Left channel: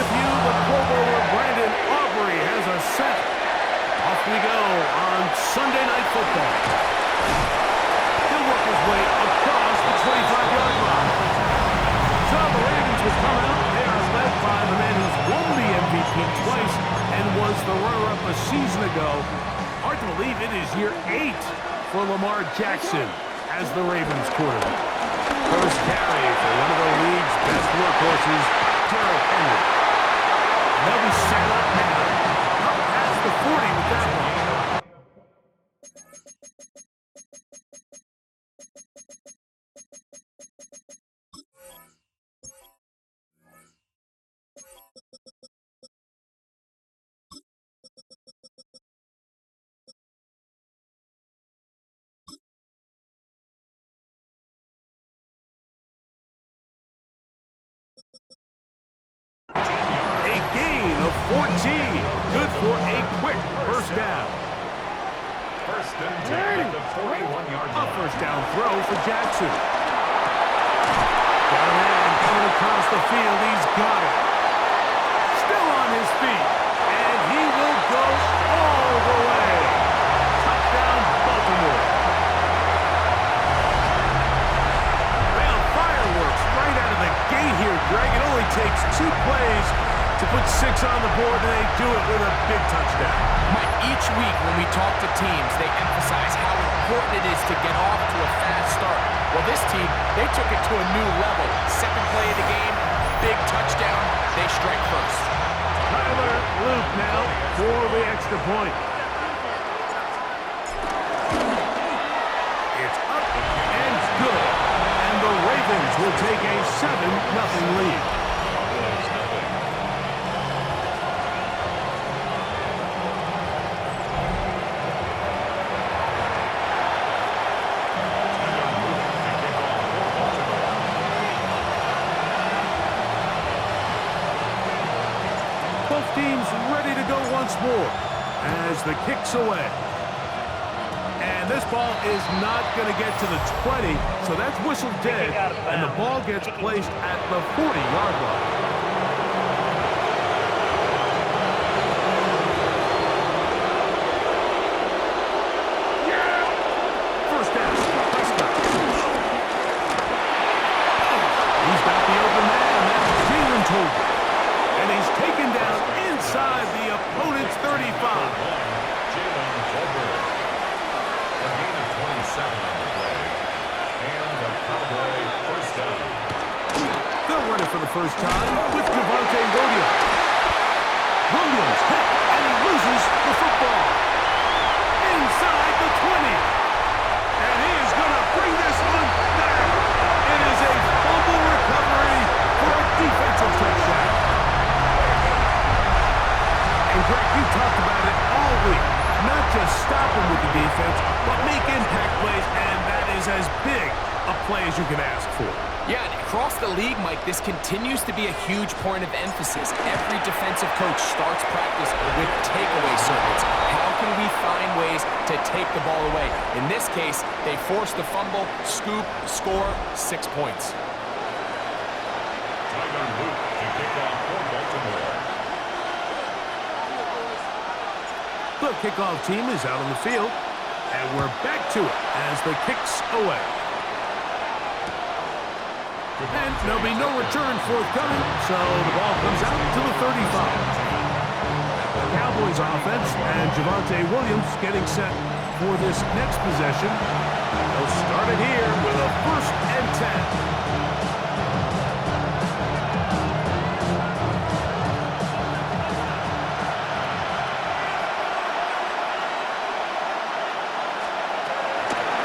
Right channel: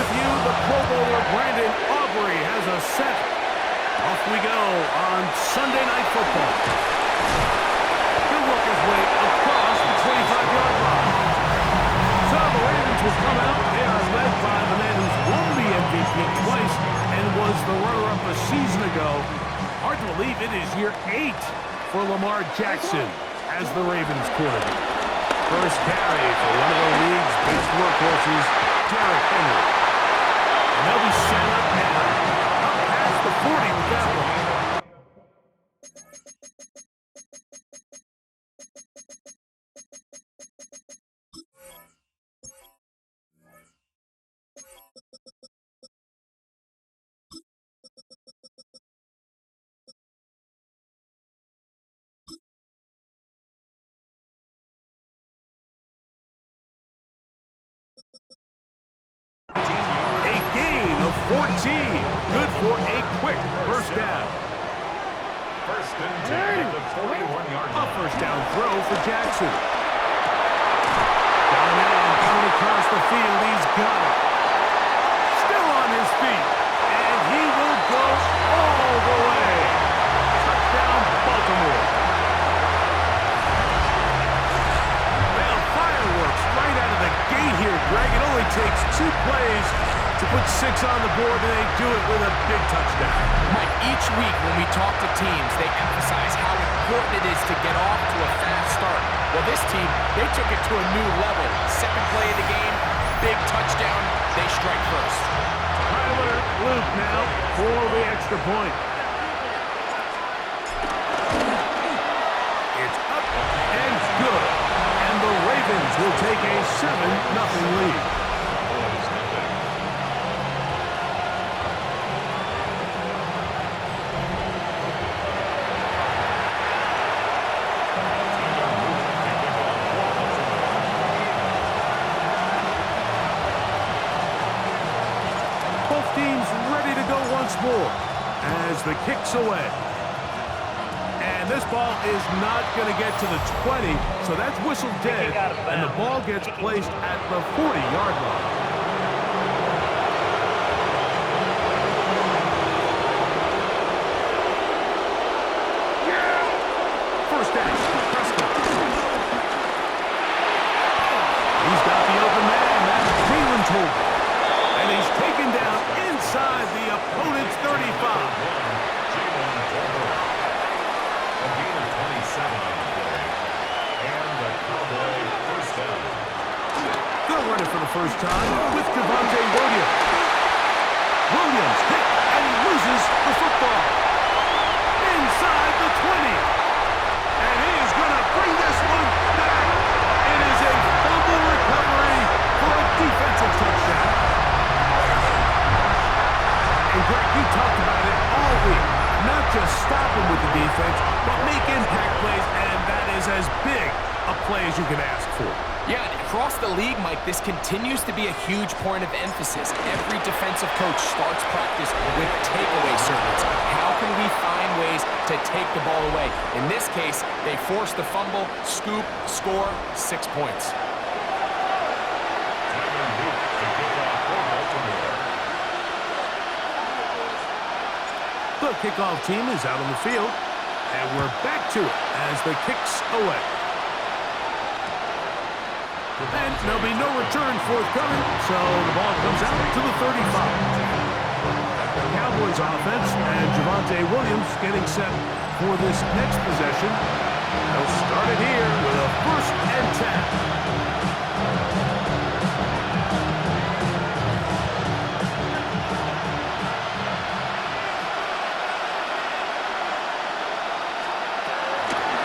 with you. The Pro Bowler Brandon Aubrey has a set. Off we go on Sunday Night Football. He'll work his way across the 25-yard line. So the Ravens will come out. They are led by the man who's won the MVP twice and was the runner-up a season ago. Hard to believe it is year 8 for Lamar Jackson as the Ravens quarterback. First carry for one of the league's best workhorses, Derrick Henry. And they'll be set up now. Up past the 40 with that one. A gain of 14. Good for a quick first down. First and 10 at the 41-yard line. A first down throw for Jackson. Got a man coming across the field. He's got it. Still on his feet. And he will go all the way. Touchdown, Baltimore. Well, fireworks right out of the gate here, Greg. It only takes 2 plays to put 6 on the board, and they do it with a big touchdown. Mike, each week when we talk to teams, they emphasize how important it is to get off to a fast start. Well, this team, they took it to a new level. Second play of the game, big touchdown, they strike first. Tyler Luke now for the extra point. It's up and good. And the Ravens will take a 7-0 lead. Cowboys nothing. Tyler Luke to kick off for Baltimore. Both teams ready to go once more as the kick's away. And this ball is not going to get to the 20, so that's whistled dead, and the ball gets placed at the 40-yard line. First down, Prescott. He's got the open man. That's Jalen Tolbert. And he's taken down inside the opponent's 35. Jalen Tolbert. A gain of 27 on the play. And a Cowboy first down. They'll run it for the first time with Javonte Williams. Williams hit, and he loses the football. Inside the 20. And he is going to bring this one back. It is a fumble recovery for a defensive touchdown. And Greg, you talked about it all week. Not just stop him with the defense, but make impact plays, and that is as big a play as you can ask for. Yeah, and across the league, Mike, this continues to be a huge point of emphasis. Every defensive coach starts practice with takeaway circuits. How can we find ways to take the ball away? In this case, they forced the fumble, scoop, score, 6 points. Tyler Luke to kick off for Baltimore. The kickoff team is out on the field, and we're back to it as the kick's away. And there'll be no return forthcoming, so the ball comes out to the 35. The Cowboys offense and Javonte Williams getting set for this next possession. They'll start it here with a 1st and 10.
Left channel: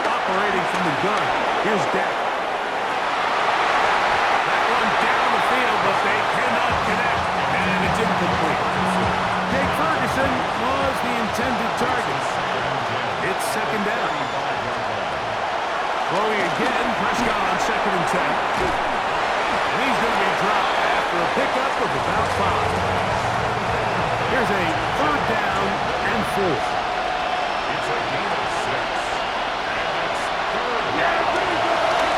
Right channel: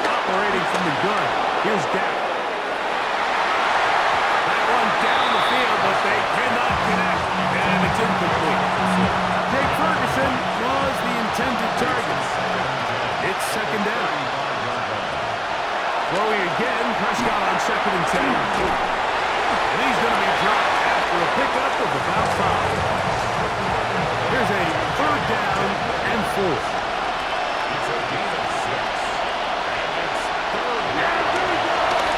Operating from the gun, here's Dak. That one down the field, but they cannot connect, and it's incomplete. Jake Ferguson was the intended target. It's 2nd down. Throwing again, Prescott on 2nd and 10. And he's going to be dropped after a pickup of about 5. Here's a 3rd down and 4. It's a gain of 6. And it's 3rd down.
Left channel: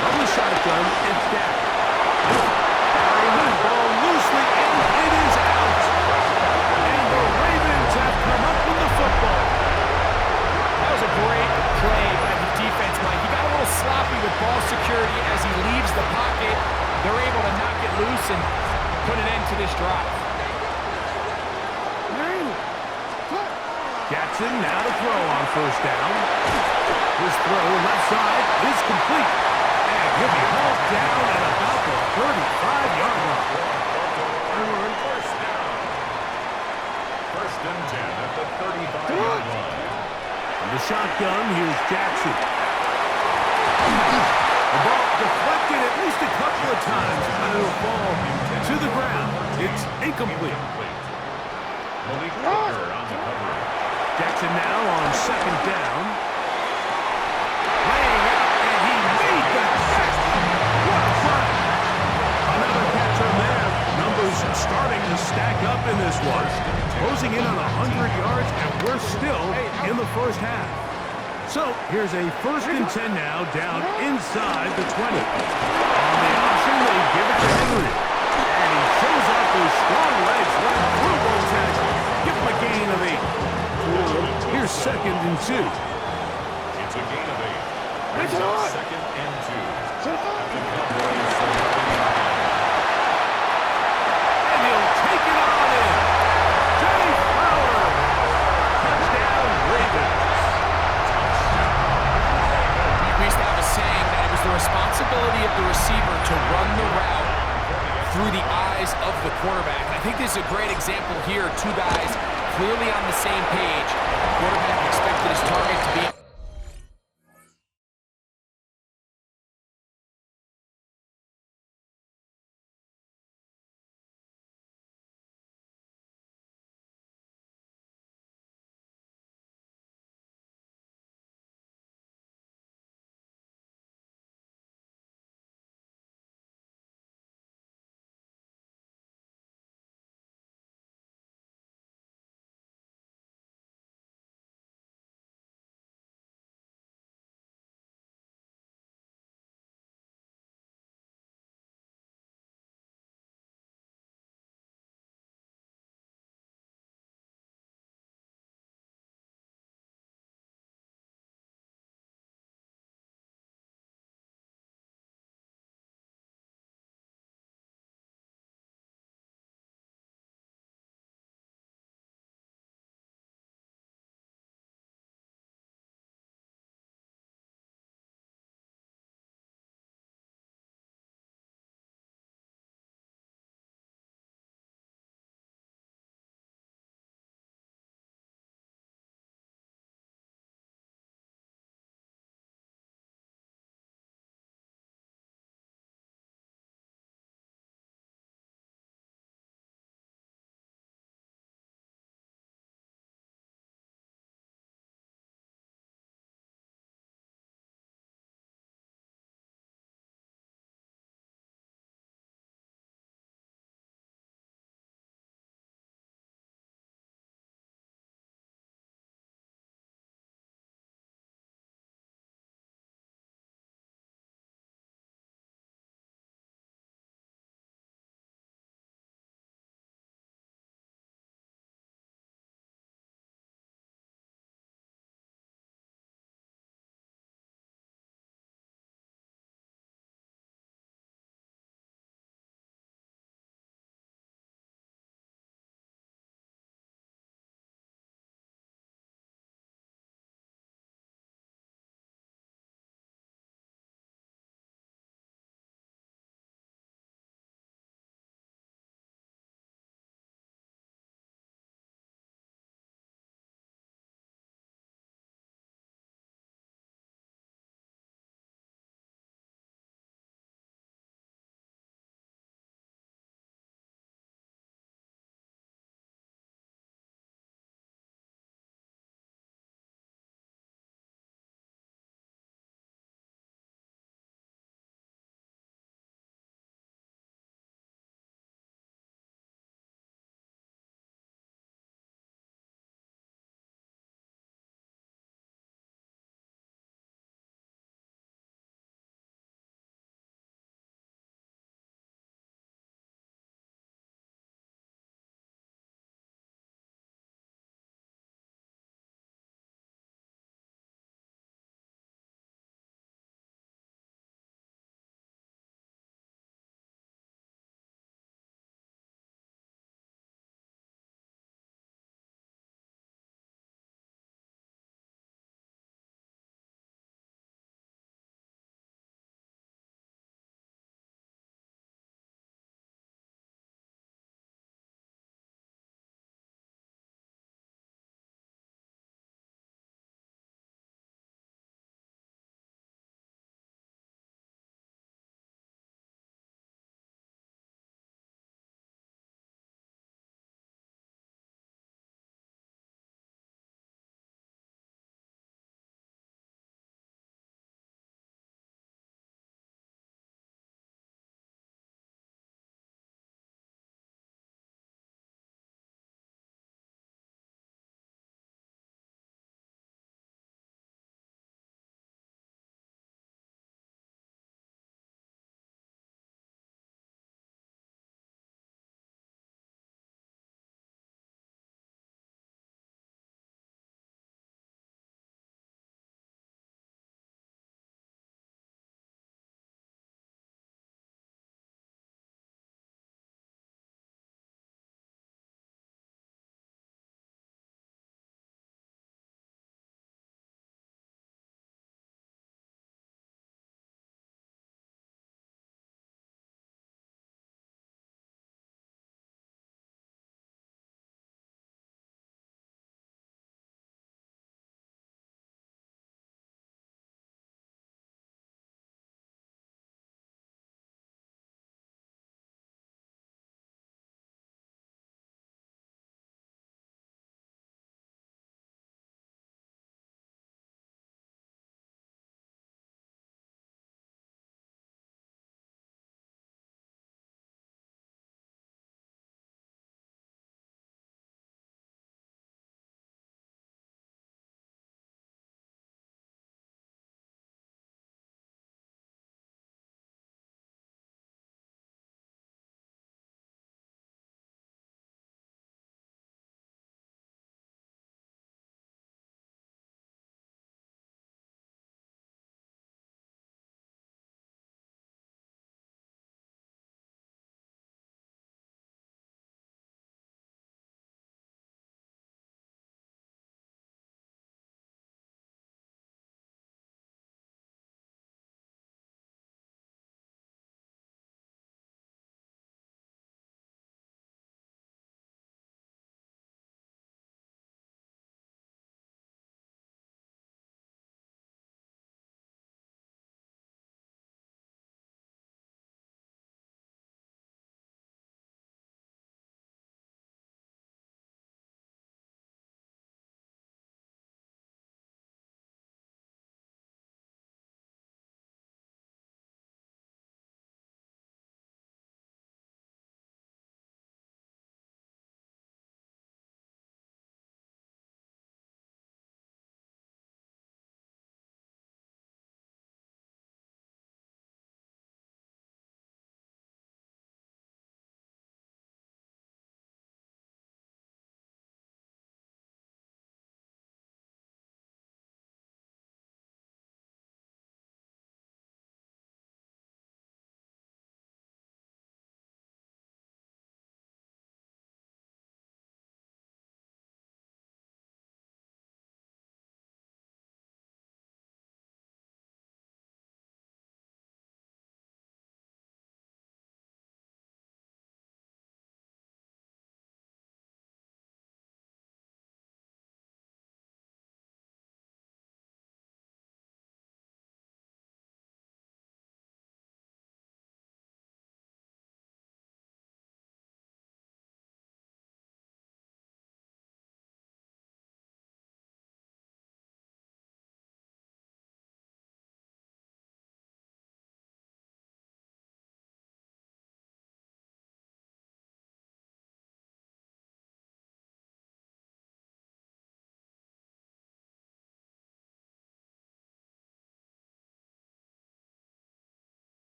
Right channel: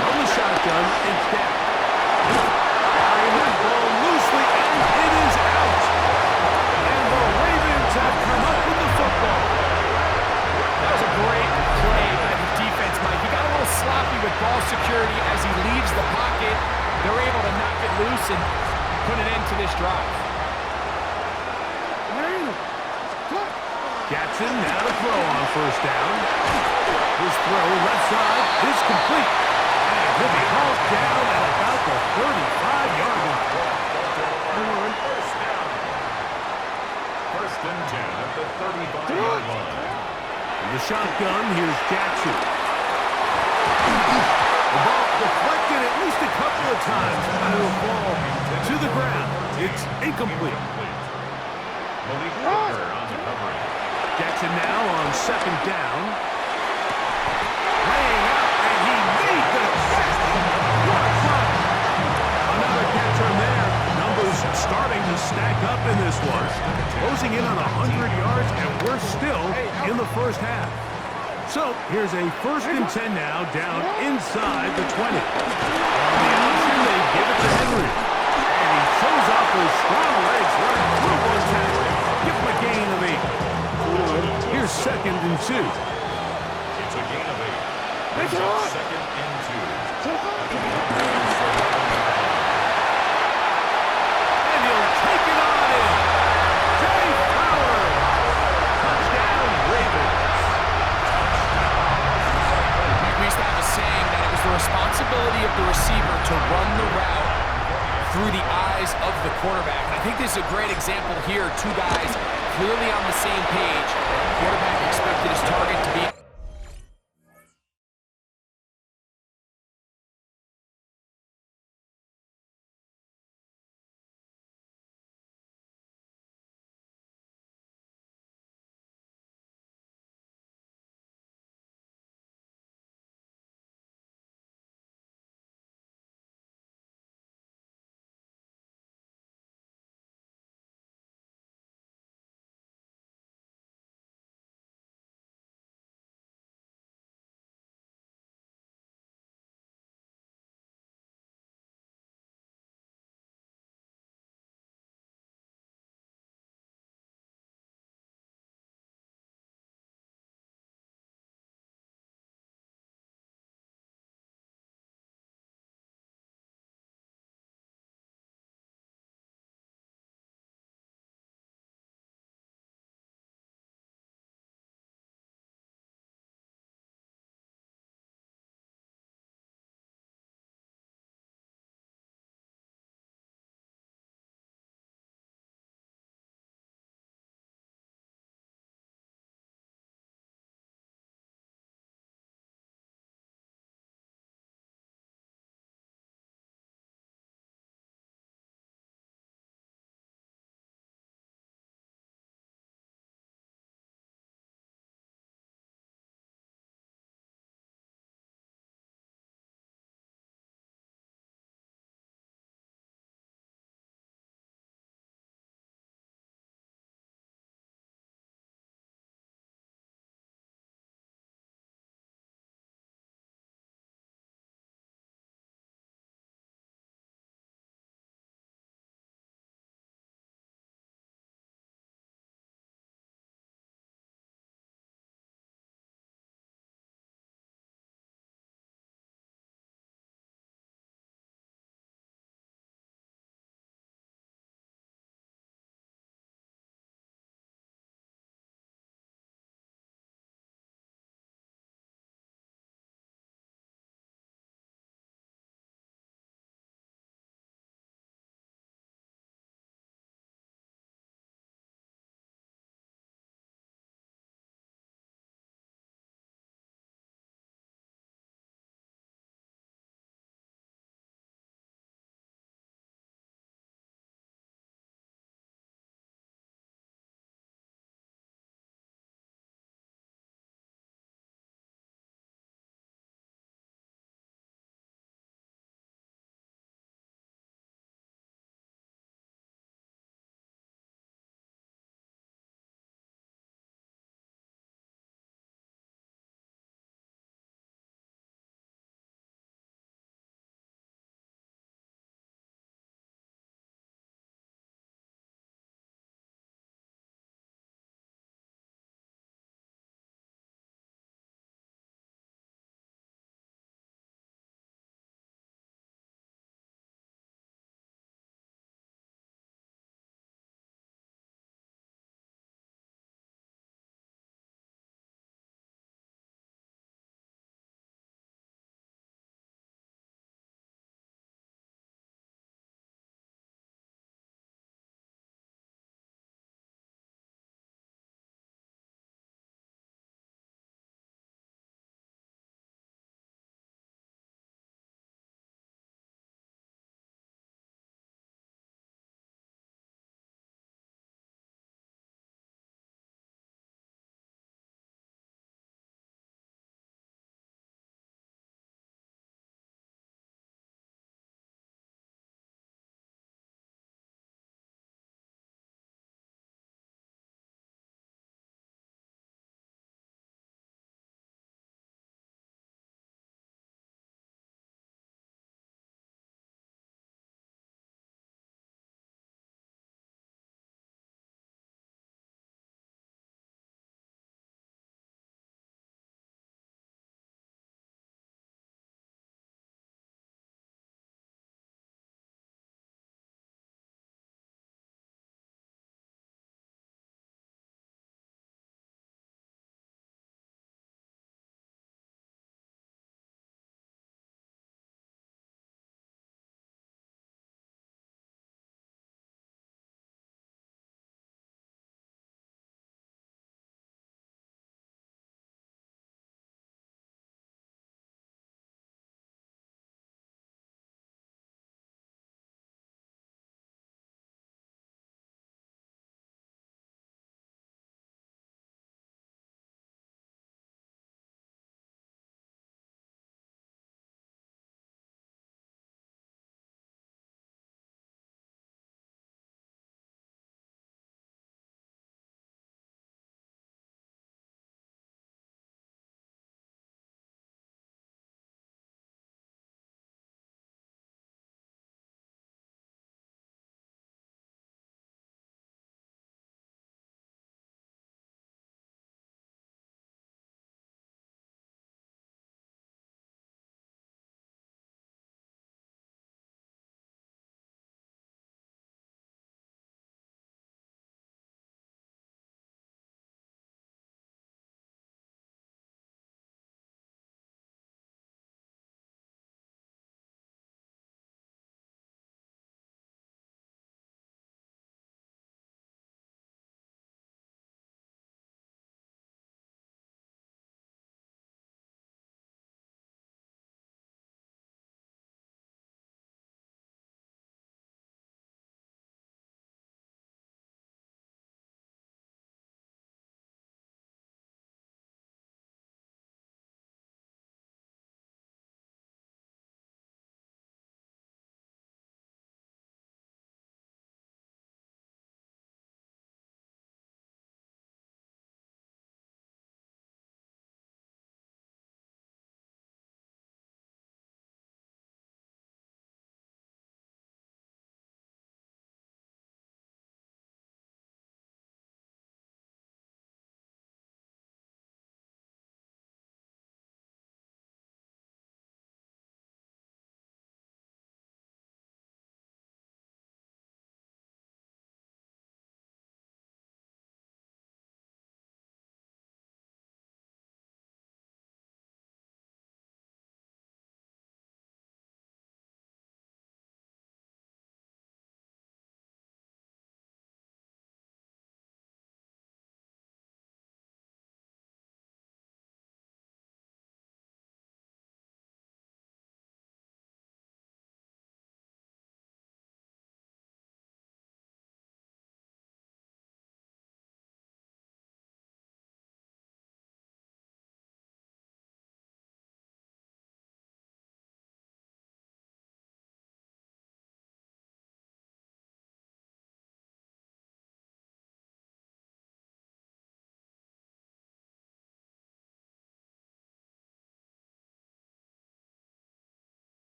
From the shotgun, it's Dak. Carrying that ball loosely, and it is great play by the defense, Mike. He got a little sloppy with ball security as he leaves the pocket. They're able to knock it loose and put an end to this drive. Jackson now to throw on first down. His throw left side is complete. And he'll be hauled down at about the 35-yard line. First down. First and 10 at the 35-yard line. In the shotgun, here's Jackson. The ball deflected at least a couple of times, and it'll fall to the ground. It's incomplete. Malik Hooker on the coverage. Jackson now on second down. Laying out, and he made the catch. What a play. Another catch from there. Numbers starting to stack up in this one. Closing in on 100 yards, and we're still in the first half. So here's a first and 10 now, down inside the 20. On the option, they give it to Henry. And he shows off those strong legs right through one tackle. Give him a gain of 8. Here's second and 2. It's a gain of 8. Brings up second and 2. At the Cowboys 11-yard line. And he'll take it on in. Jay Flowers. Touchdown, Ravens. We used to have a saying that it was the responsibility of the receiver to run the route through the eyes of the quarterback. And I think this is a great example here. Two guys clearly on the same page. Quarterback expected his target to be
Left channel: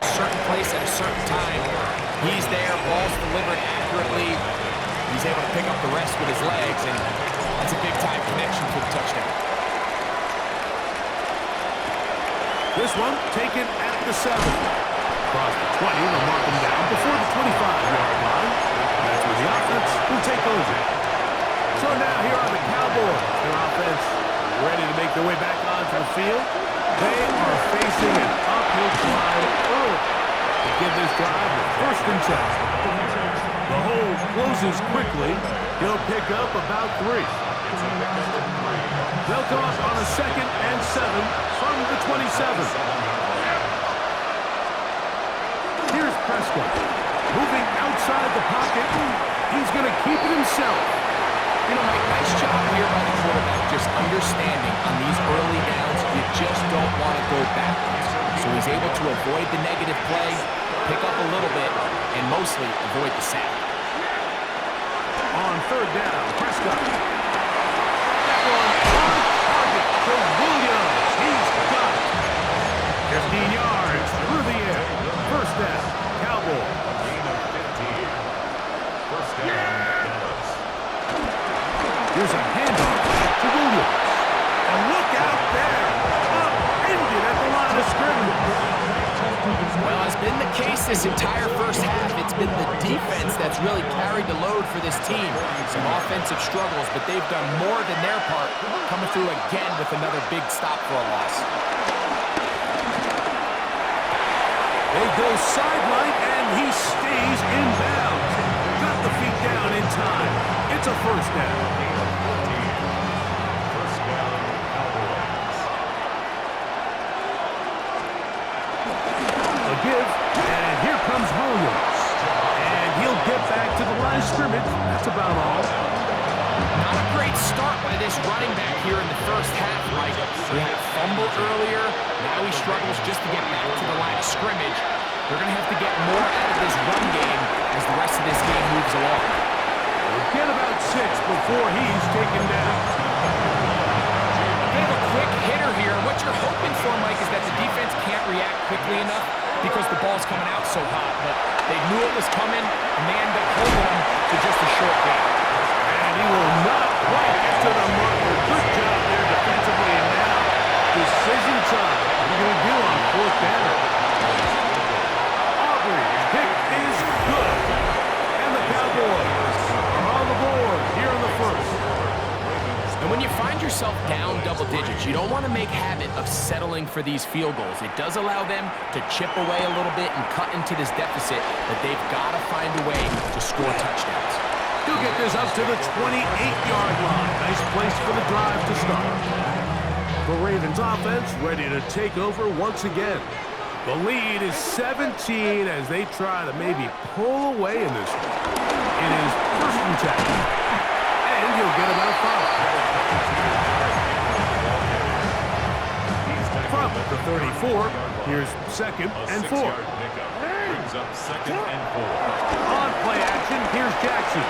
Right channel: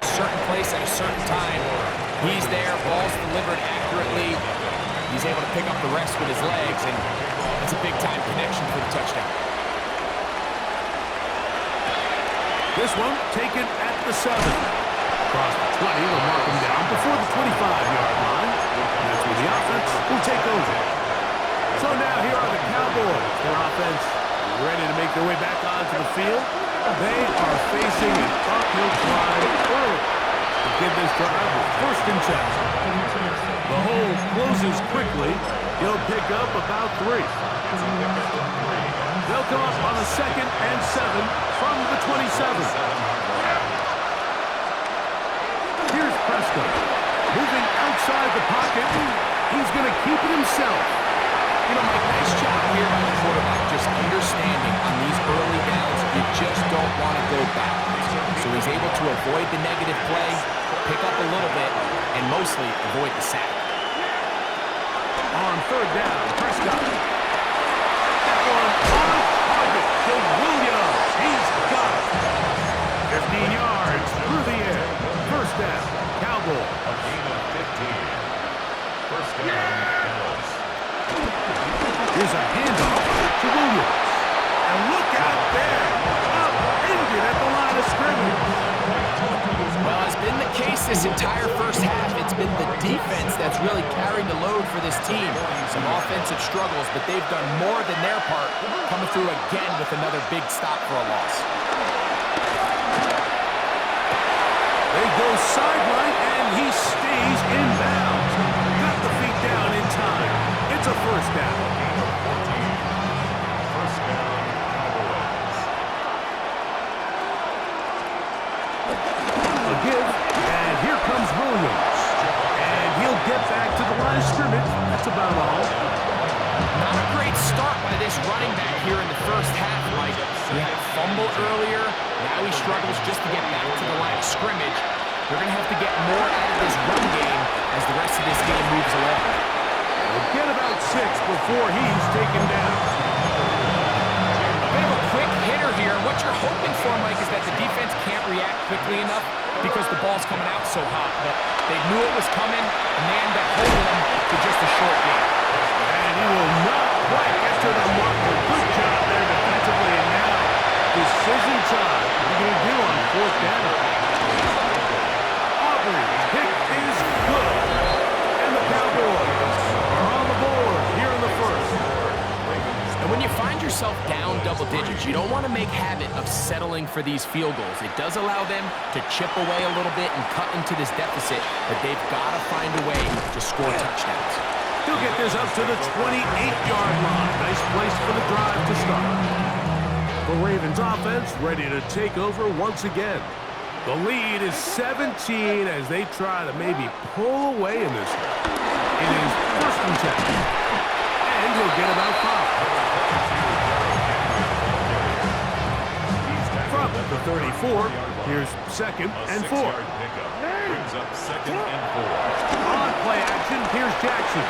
certain place at a certain time. He's there, ball's delivered accurately. He's able to pick up the rest with his legs, and that's a big-time connection for the touchdown. This one taken at the 7. Across the 20, they'll mark him down before the 25-yard line. And that's where the offense will take over. So now here are the Cowboys. Their offense ready to make their way back onto the field. They are facing an uphill climb early to give this drive with 1st and 10. The hole closes quickly. He'll pick up about 3. They'll come up on a 2nd and 7 from the 27. Here's Prescott. Moving outside the pocket. He's going to keep it himself. You know, Mike, nice job here by the quarterback, just understanding on these early downs, you just don't want to go backwards. So he's able to avoid the negative play, pick up a little bit, and mostly avoid the sack. On 3rd down, Prescott. That one on target to Williams. He's got it. 15 yards through the air. 1st down, Cowboys. A gain of 15. 1st down, Dallas. Here's a handoff to Williams. And look out there. Upended at the line of scrimmage. Well, as been the case this entire 1st half, it's been the defense that's really carried the load for this team. Some offensive struggles, but they've done more than their part, coming through again with another big stop for a loss. They go sideline, and he stays in bounds. Got the feet down in time. It's a 1st down. Gain of 14. 1st down, Cowboys. A give, and here comes Williams. And he'll get back to the line of scrimmage. That's about all. Not a great start by this running back here in the 1st half, Mike. He had a fumble earlier. Now he struggles just to get back to the line of scrimmage. They're going to have to get more out of this run game as the rest of this game moves along. He'll get about 6 before he's taken down. A bit of a quick hitter here. What you're hoping for, Mike, is that the defense can't react quickly enough because the ball's coming out so hot. But they knew it was coming, and they end up holding them to just a short game. And he will not quite get to the marker. Good job there defensively, and now decision time. What are you going to do on 4th down? Aubrey's kick is good. And the Cowboys are on the board here in the 1st. And when you find yourself down double digits, you don't want to make habit of settling for these field goals. It does allow them to chip away a little bit and cut into this deficit, but they've got to find a way to score touchdowns. He'll get this up to the 28-yard line. Nice place for the drive to start. The Ravens offense ready to take over once again. The lead is 17 as they try to maybe pull away in this one. It is 1st and 10. And he'll get about 5. From the 34, here's 2nd and 4. Brings up 2nd and 4. On play action, here's Jackson.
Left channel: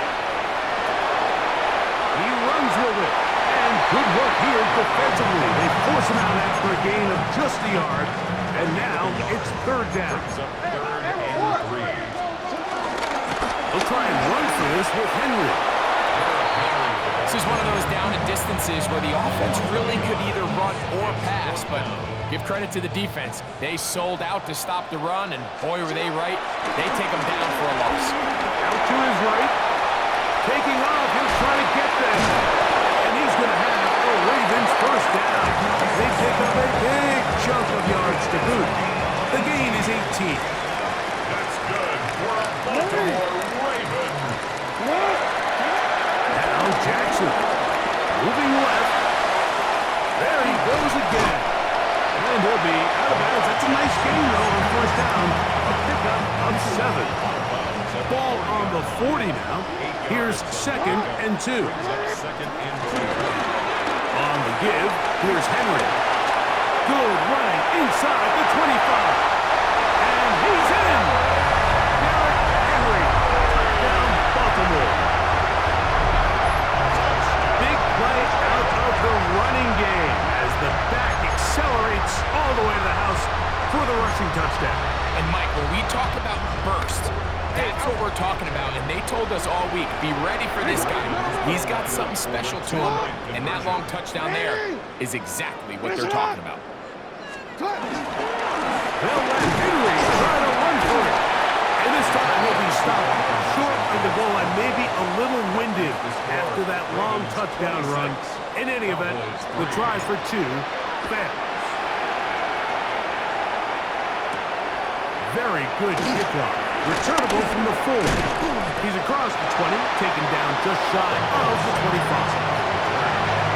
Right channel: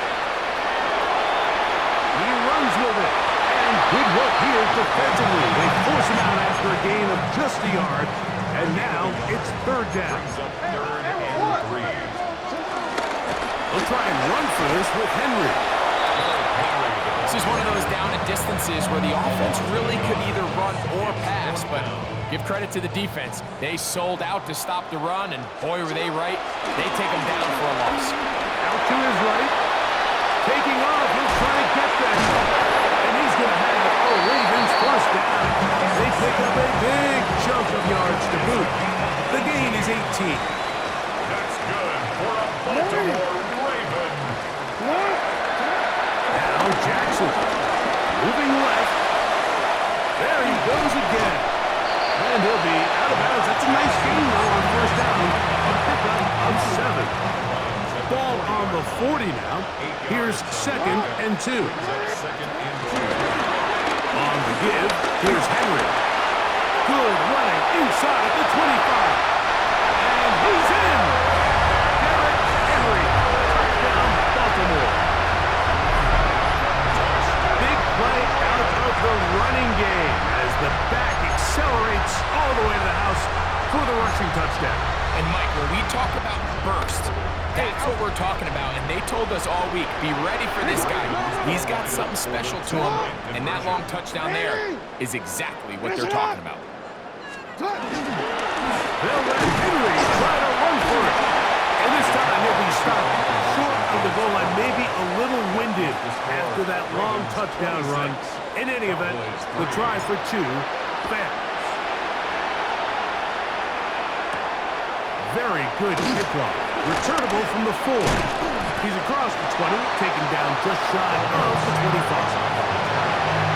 He runs with it. And good work here defensively. They force him out after a gain of just a yard. And now it's 3rd down. Brings up 3rd and 3. They'll try and run for this with Henry. This is one of those down and distances where the offense really could either run or pass, but give credit to the defense. They sold out to stop the run, and boy, were they right. They take them down for a loss. Out to his right. Taking off, he'll try to get them. And he's going to have a Ravens 1st down. They pick up a big chunk of yards to boot. The gain is 18. That's good for a Baltimore Raven. Now Jackson, moving left. There he goes again. And he'll be out of bounds. That's a nice gain, though, on 1st down. A pickup of 7. Ball on the 40 now. Here's 2nd and 2. On the give, here's Henry. Good running inside the 25. And he's in. Derrick Henry. Touchdown, Baltimore. Big play out of the running game as the back accelerates all the way to the house for the rushing touchdown. And Mike, when we talk about burst, that's what we're talking about. And they told us all week, be ready for this guy. He's got something special to him. And that long touchdown there is exactly what they're talking about. They'll let Henry try to run for it. And this time he'll be stopped short of the goal line, maybe a little winded after that long touchdown run. In any event, the try for 2 fails. Very good kickoff. Returnable from the 4. He's across the 20, taken down just shy of the 25.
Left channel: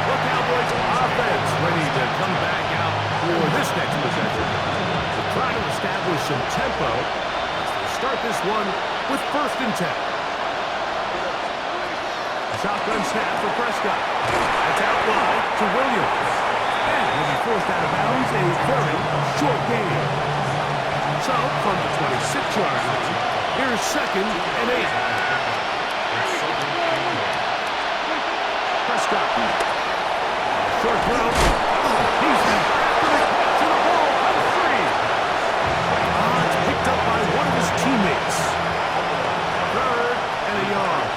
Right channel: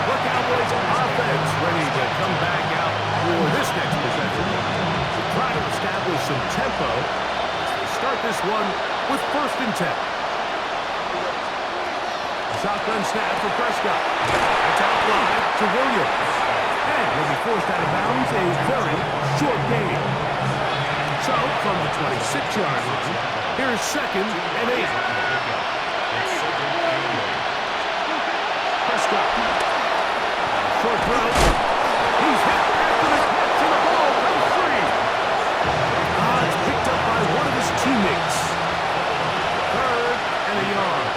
The Cowboys offense ready to come back out for this next possession to try to establish some tempo as they start this one with 1st and 10. A shotgun snap for Prescott. That's out wide to Williams. And he'll be forced out of bounds, a very short gain. So, from the 26-yard line, here's 2nd and 8. Prescott. Short throw. He's hit after the catch, and the ball comes free. It's picked up by one of his teammates. 3rd and a yard.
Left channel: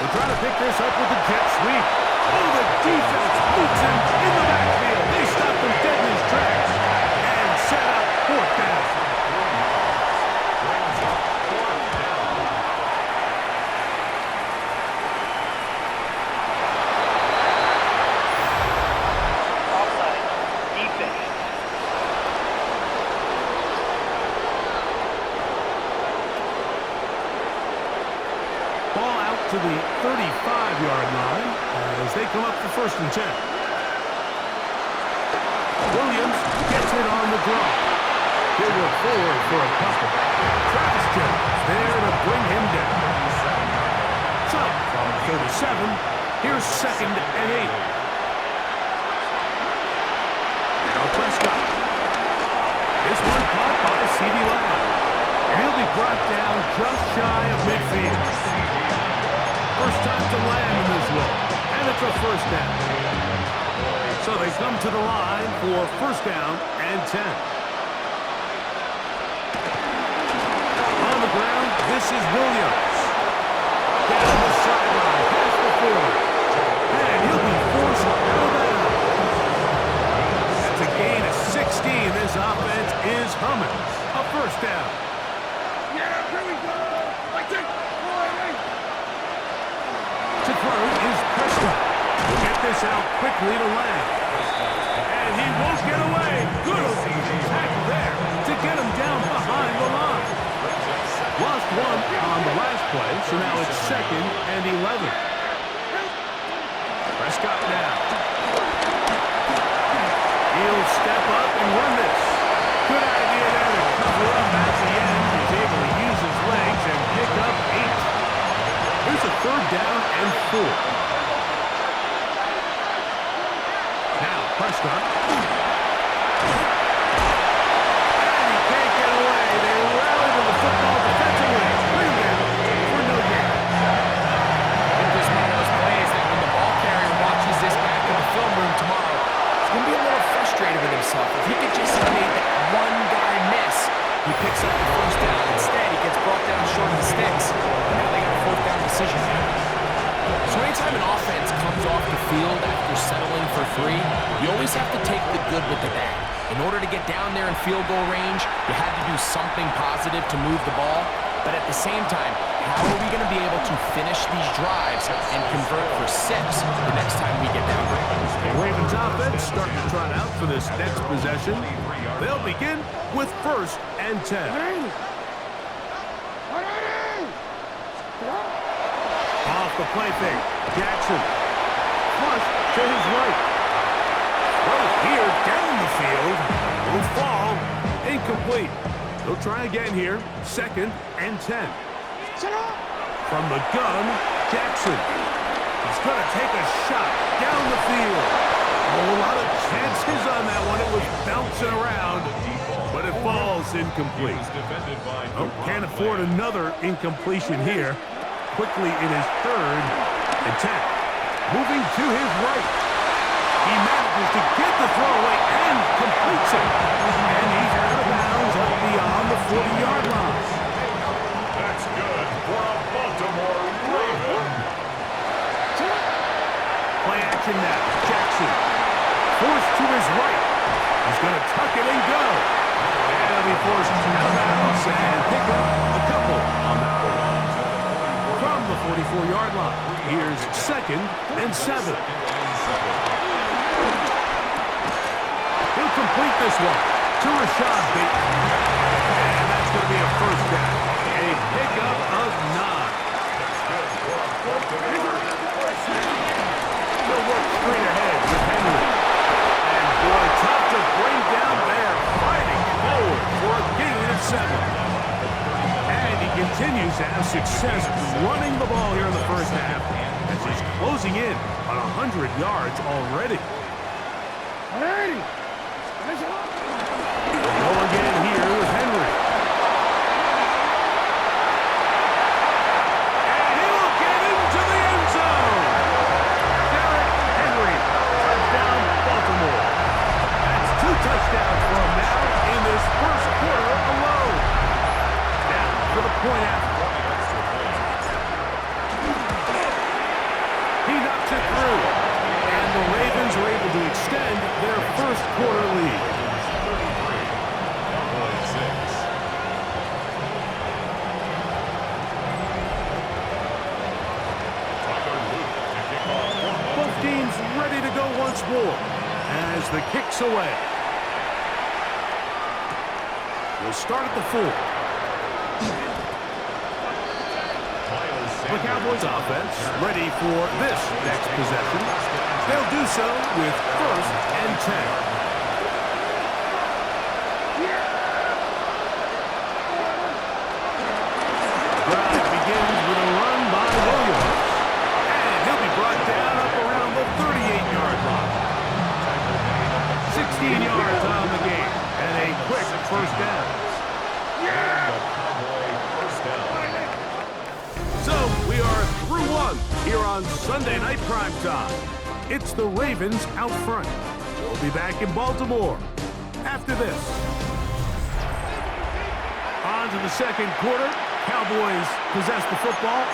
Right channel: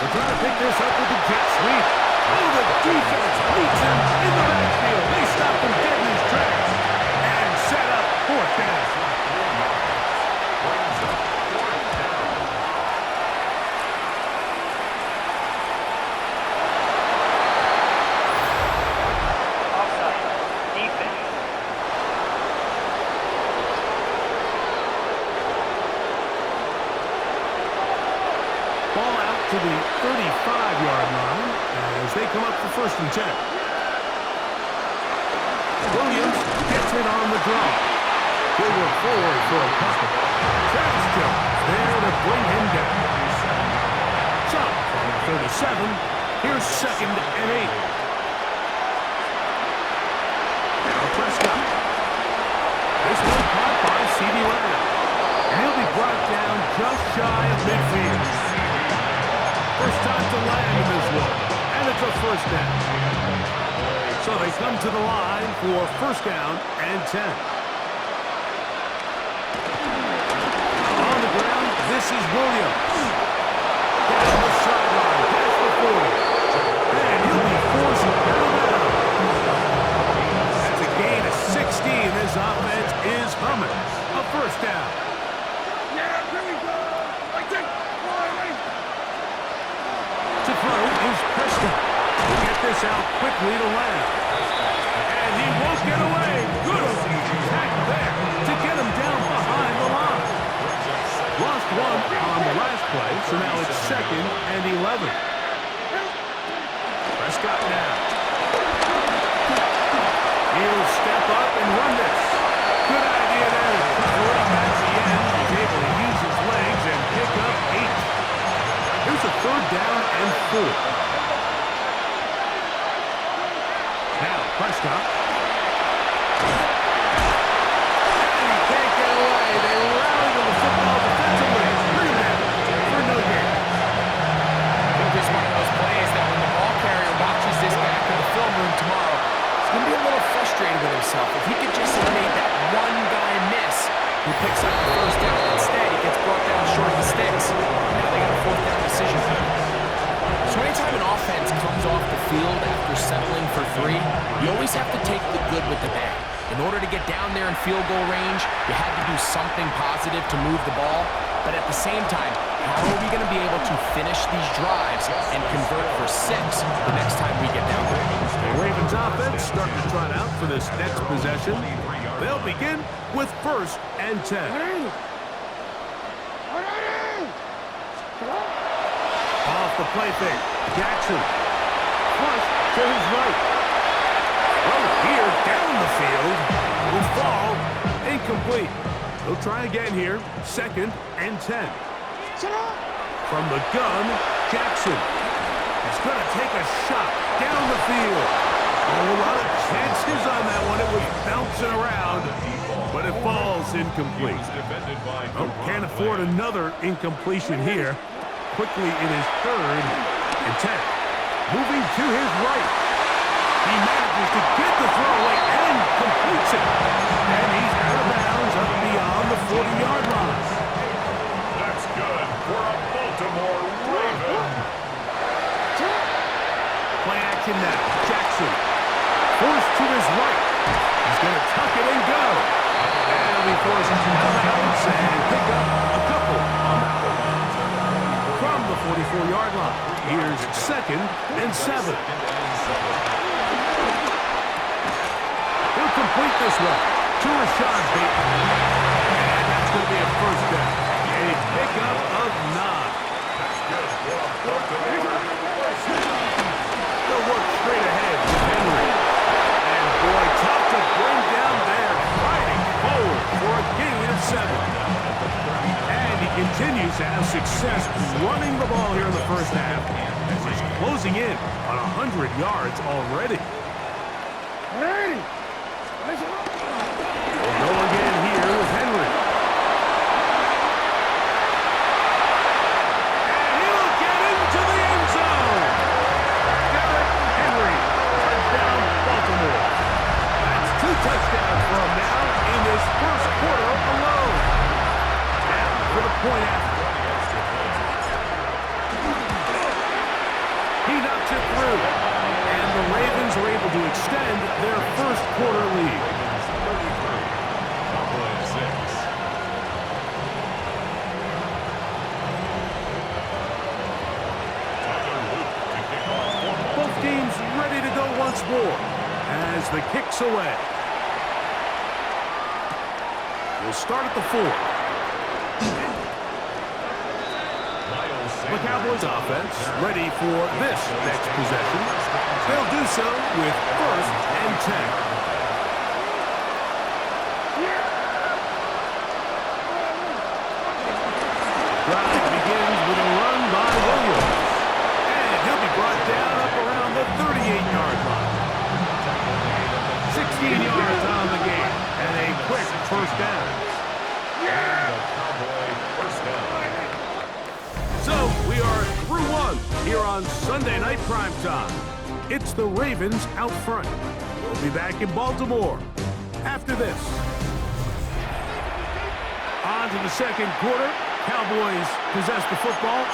We're trying to pick this up with the jet sweep. Oh, the defense meets him in the backfield. They stopped him dead in his tracks and set up 4th down. Brings up 4th down. Offside. Defense. Ball out to the 35-yard line as they come up for 1st and 10. Williams gets it on the draw. He'll work forward for a couple. Travis Jones there to bring him down. So, from 37, here's 2nd and 8. Now Prescott. This one caught by CeeDee Lamb. And he'll be brought down just shy of midfield. First time to land in this one, and it's a 1st down. So they come to the line for 1st down and 10. On the ground, this is Williams. Down the sideline, past the 40. And he'll be forced out of bounds. That's a gain of 16. This offense is humming. A 1st down. Yeah, here we go. Like that. To throw is Prescott. He'll get this out quickly to Lamb. And he won't get away. Good tackle there to get him down behind the line. Lost 1 on the last play, so now it's 2nd and 11. Prescott now. He'll step up and run this. Good idea there to cover up at the end. He's able to use his legs and pick up 8. Here's a 3rd down and 4. Now Prescott. And he can't get away. They rally to the football defensively. Bring him down for no gain. I think there's one of those plays that when the ball carrier watches this back in the film room tomorrow, he's going to be a little frustrated with himself. If he could just have made that one guy miss, he picks up the 1st down. Instead, he gets brought down short of the sticks. And now they got a 4th down decision. So anytime an offense comes off the field after settling for 3, you always have to take the good with the bad. In order to get down there in field goal range, you had to do something positive to move the ball. But at the same time, how are we going to be able to finish these drives and convert for 6 the next time we get down there? The Ravens offense starting to trot out for this next possession. They'll begin with 1st and 10. Off the play fake. Jackson. Flush to his right. Throw here down the field. Will fall. Incomplete. They'll try again here. 2nd and 10. From the gun, Jackson. He's going to take a shot down the field. Oh, a lot of chances on that one. It was bouncing around, but it falls incomplete. Oh, can't afford another incompletion here. Quickly in his 3rd and 10. Moving to his right. He manages to get the throw away and completes it. And he's out of bounds up beyond the 40-yard line. That's good for a Baltimore Raven. Play action now. Jackson. Forced to his right. He's going to tuck it and go. And he'll be forced out of bounds and pick up a couple on that one. From the 44-yard line, here's 2nd and 7. He'll complete this one to Rashad Bateman. And that's going to be a first down. A pickup of 9. That's good for a Baltimore first down. They'll work straight ahead with Henry. And boy, tough to bring down there, fighting forward for a gain of 7. And he continues to have success running the ball here in the first half as he's closing in on 100 yards already. We'll go again here with Henry. And he will get into the end zone. Derrick Henry, touchdown Baltimore. That's 2 touchdowns for him now in this first quarter alone. Now for the point after. He knocks it through. And the Ravens are able to extend their first quarter lead. 33, Cowboys 6. Tyler Luke to kick off for Baltimore. Both teams ready to go once more as the kick's away. We'll start at the 4. The Cowboys offense ready for this next possession. They'll do so with 1st and 10. Drive begins with a run by Williams. And he'll be brought down up around the 38-yard line. 16 yards on the game and a quick first down. And the Cowboy first down. So we are through 1 here on Sunday Night Primetime. It's the Ravens out front. We'll be back in Baltimore after this. On to the second quarter. Cowboys possess the football.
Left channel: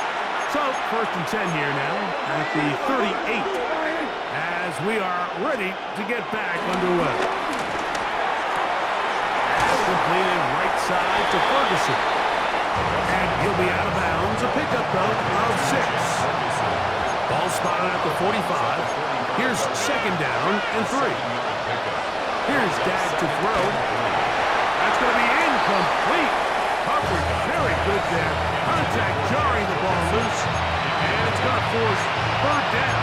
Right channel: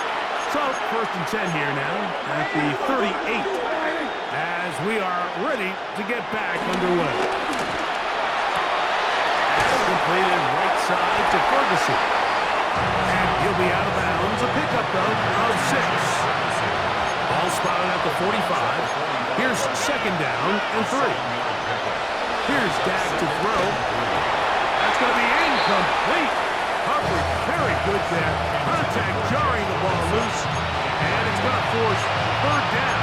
So 1st and 10 here now at the 38 as we are ready to get back underway. Pass completed right side to Ferguson. And he'll be out of bounds. A pickup, though, of 6. Ball spotted at the 45. Here's 2nd down and 3. Here's Dak to throw. That's going to be incomplete. Coverage very good there. Contact jarring the ball loose. And it's going to force 3rd down.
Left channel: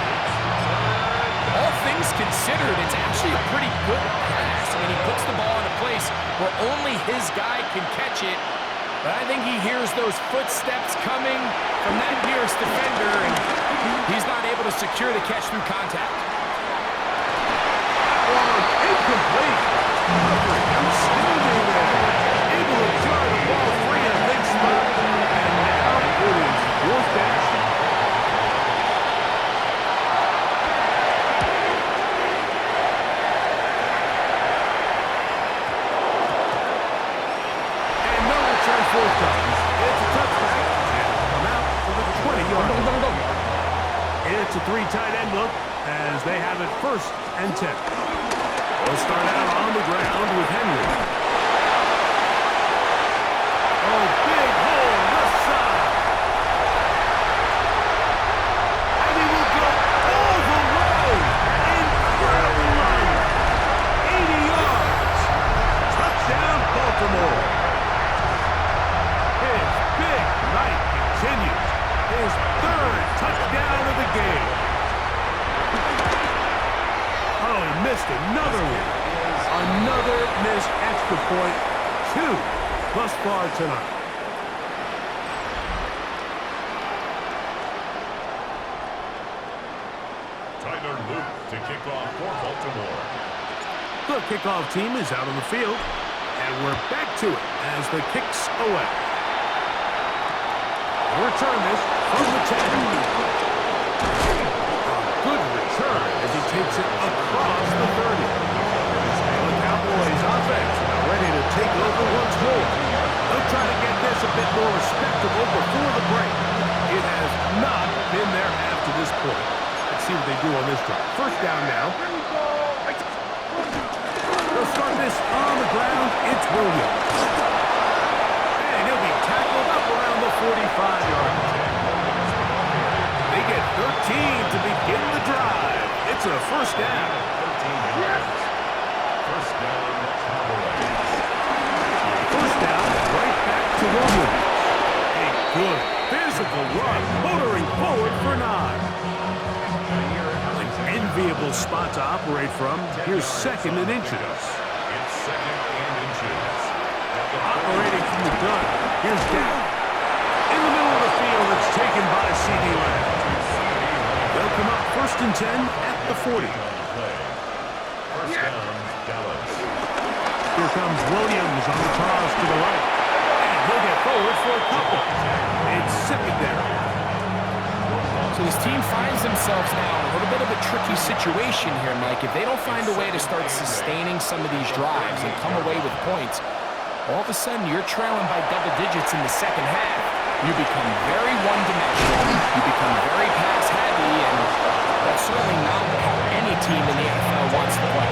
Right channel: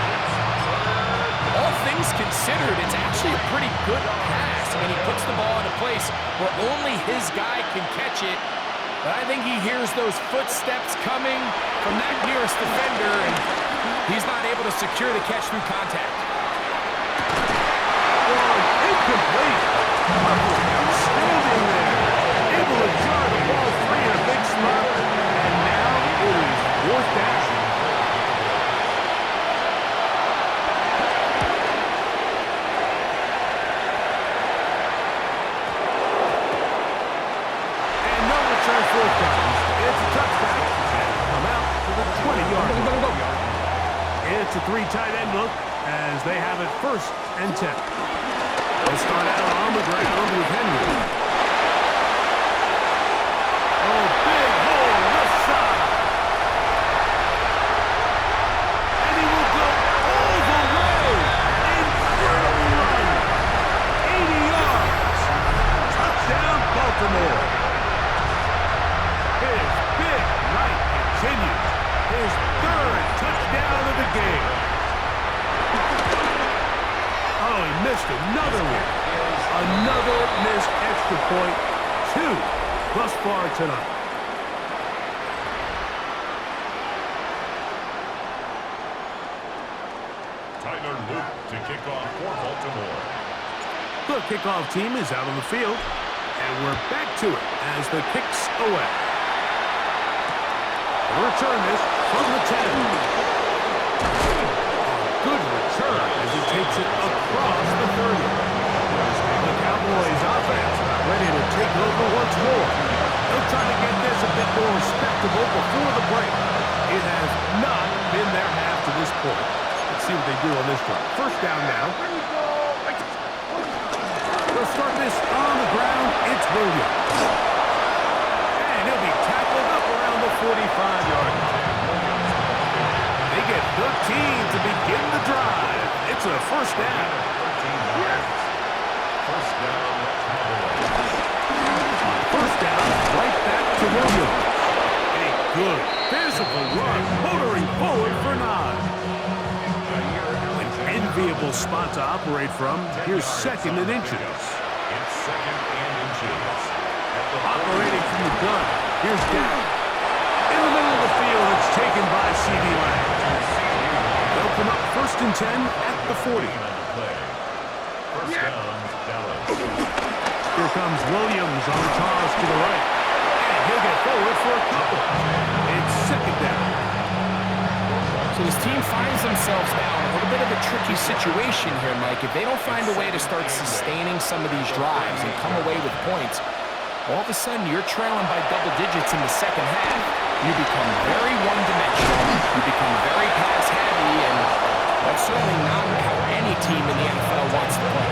All things considered, it's actually a pretty good pass. I mean, he puts the ball in a place where only his guy can catch it. But I think he hears those footsteps coming from that nearest defender, and he's not able to secure the catch through contact. Incomplete. Coverage outstanding there. Able to jar the ball free in a big spot. And now it is 4th down. Return 4th down. It's a touchback, and it'll come out to the 20-yard line. It's a 3 tight end look as they have it 1st and 10. They'll start out on the ground with Henry. Oh, big hole left side. And he will go all the way. Incredible run. 80 yards. Touchdown, Baltimore. His big night continues. His 3rd touchdown of the game. Oh, he missed another one. Another missed extra point. 2 thus far tonight. Tyler Luke to kick off for Baltimore. The kickoff team is out on the field, and we're back to it as the kick's away. We'll return this from the 10. A good return as he takes it across the 30. The Cowboys offense about ready to take over once more. They'll try to get this a bit more respectable before the break. It has not been their half to this point. Let's see what they do on this drive. First down now. They'll start this on the ground. It's Williams. And he'll be tackled up around the 45-yard line. They get 13 to begin the drive. It's a first down. 13 yards. First down, Cowboys. On first down, right back to Williams. A good physical run, motoring forward for 9. An enviable spot to operate from. Here's second and inches. It's second and inches. Operating from the gun. Here's Dak. In the middle of the field, it's taken by C.D. Lamb. They'll come up first and 10 at the 40. First down, Dallas. Here comes Williams on the toss to the right. And he'll get forward for a couple. It's second down. So this team finds themselves now in a little bit of a tricky situation here, Mike. If they don't find a way to start sustaining some of these drives and come away with points, all of a sudden you're trailing by double digits in the second half. You become very one-dimensional. You become very pass-heavy, and that's certainly not how any team in the NFL wants to play.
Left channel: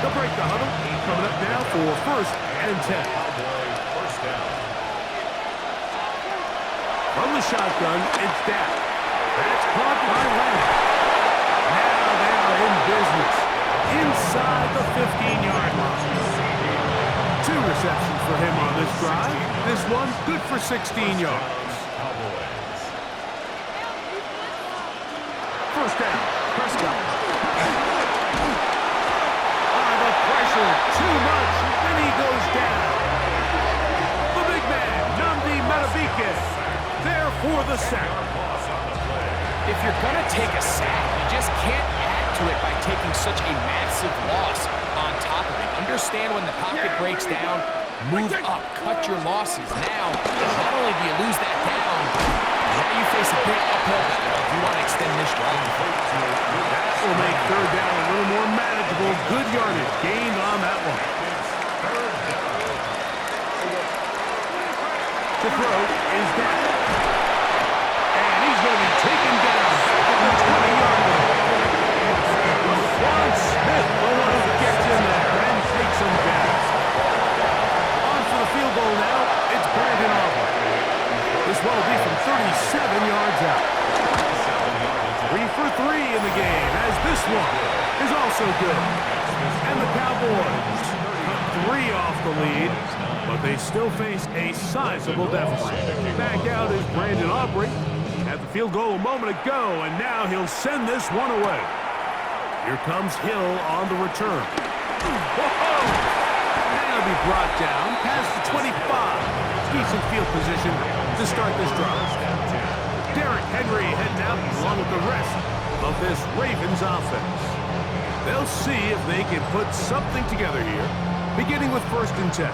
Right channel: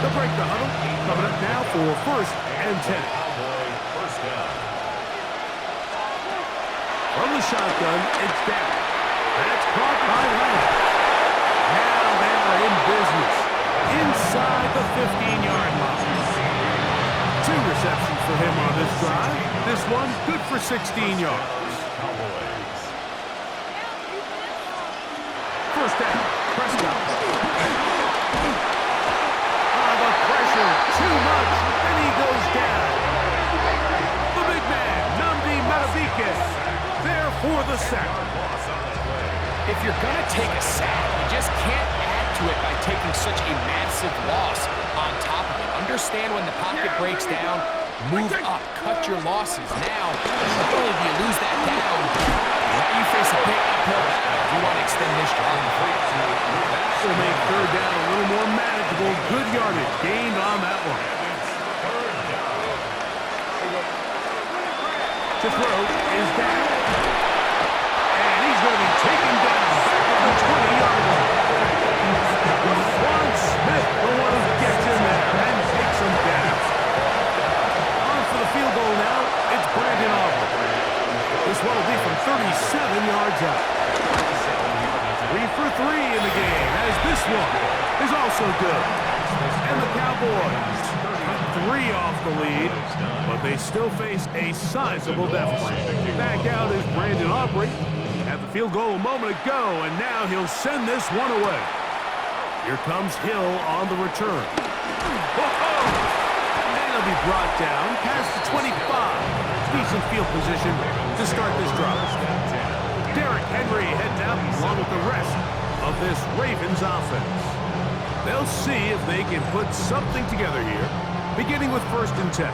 They'll break the huddle. Coming up now for first and 10. Cowboy first down. From the shotgun, it's Dak. That's caught by Lamb. Now they are in business. Inside the 15-yard line. 2 receptions for him on this drive. This one good for 16 yards. Cowboys. First down, Prescott. The pressure, too much, and he goes down. The big man, Nnamdi Madubuike, there for the sack. If you're going to take a sack, you just can't add to it by taking such a massive loss on top of it. Understand when the pocket breaks down, move up, cut your losses. Now, not only do you lose that down, now you face a big uphill battle if you want to extend this drive. That will make third down a little more manageable. Good yardage gained on that one. Third down. To throw is Dak. And he's going to be taken down back at the 20-yard line. Juan Smith, the one who gets in there and takes him down. On for the field goal now, it's Brandon Aubrey. This one will be from 37 yards out. 3 for 3 in the game, as this one is also good. And the Cowboys cut 3 off the lead, but they still face a sizable deficit. Back out is Brandon Aubrey. Had the field goal a moment ago, and now he'll send this one away. Here comes Hill on the return. Whoa! And he'll be brought down past the 25. Decent field position to start this drive. Derrick Henry heading out along with the rest of this Ravens offense. They'll see if they can put something together here, beginning with first and 10.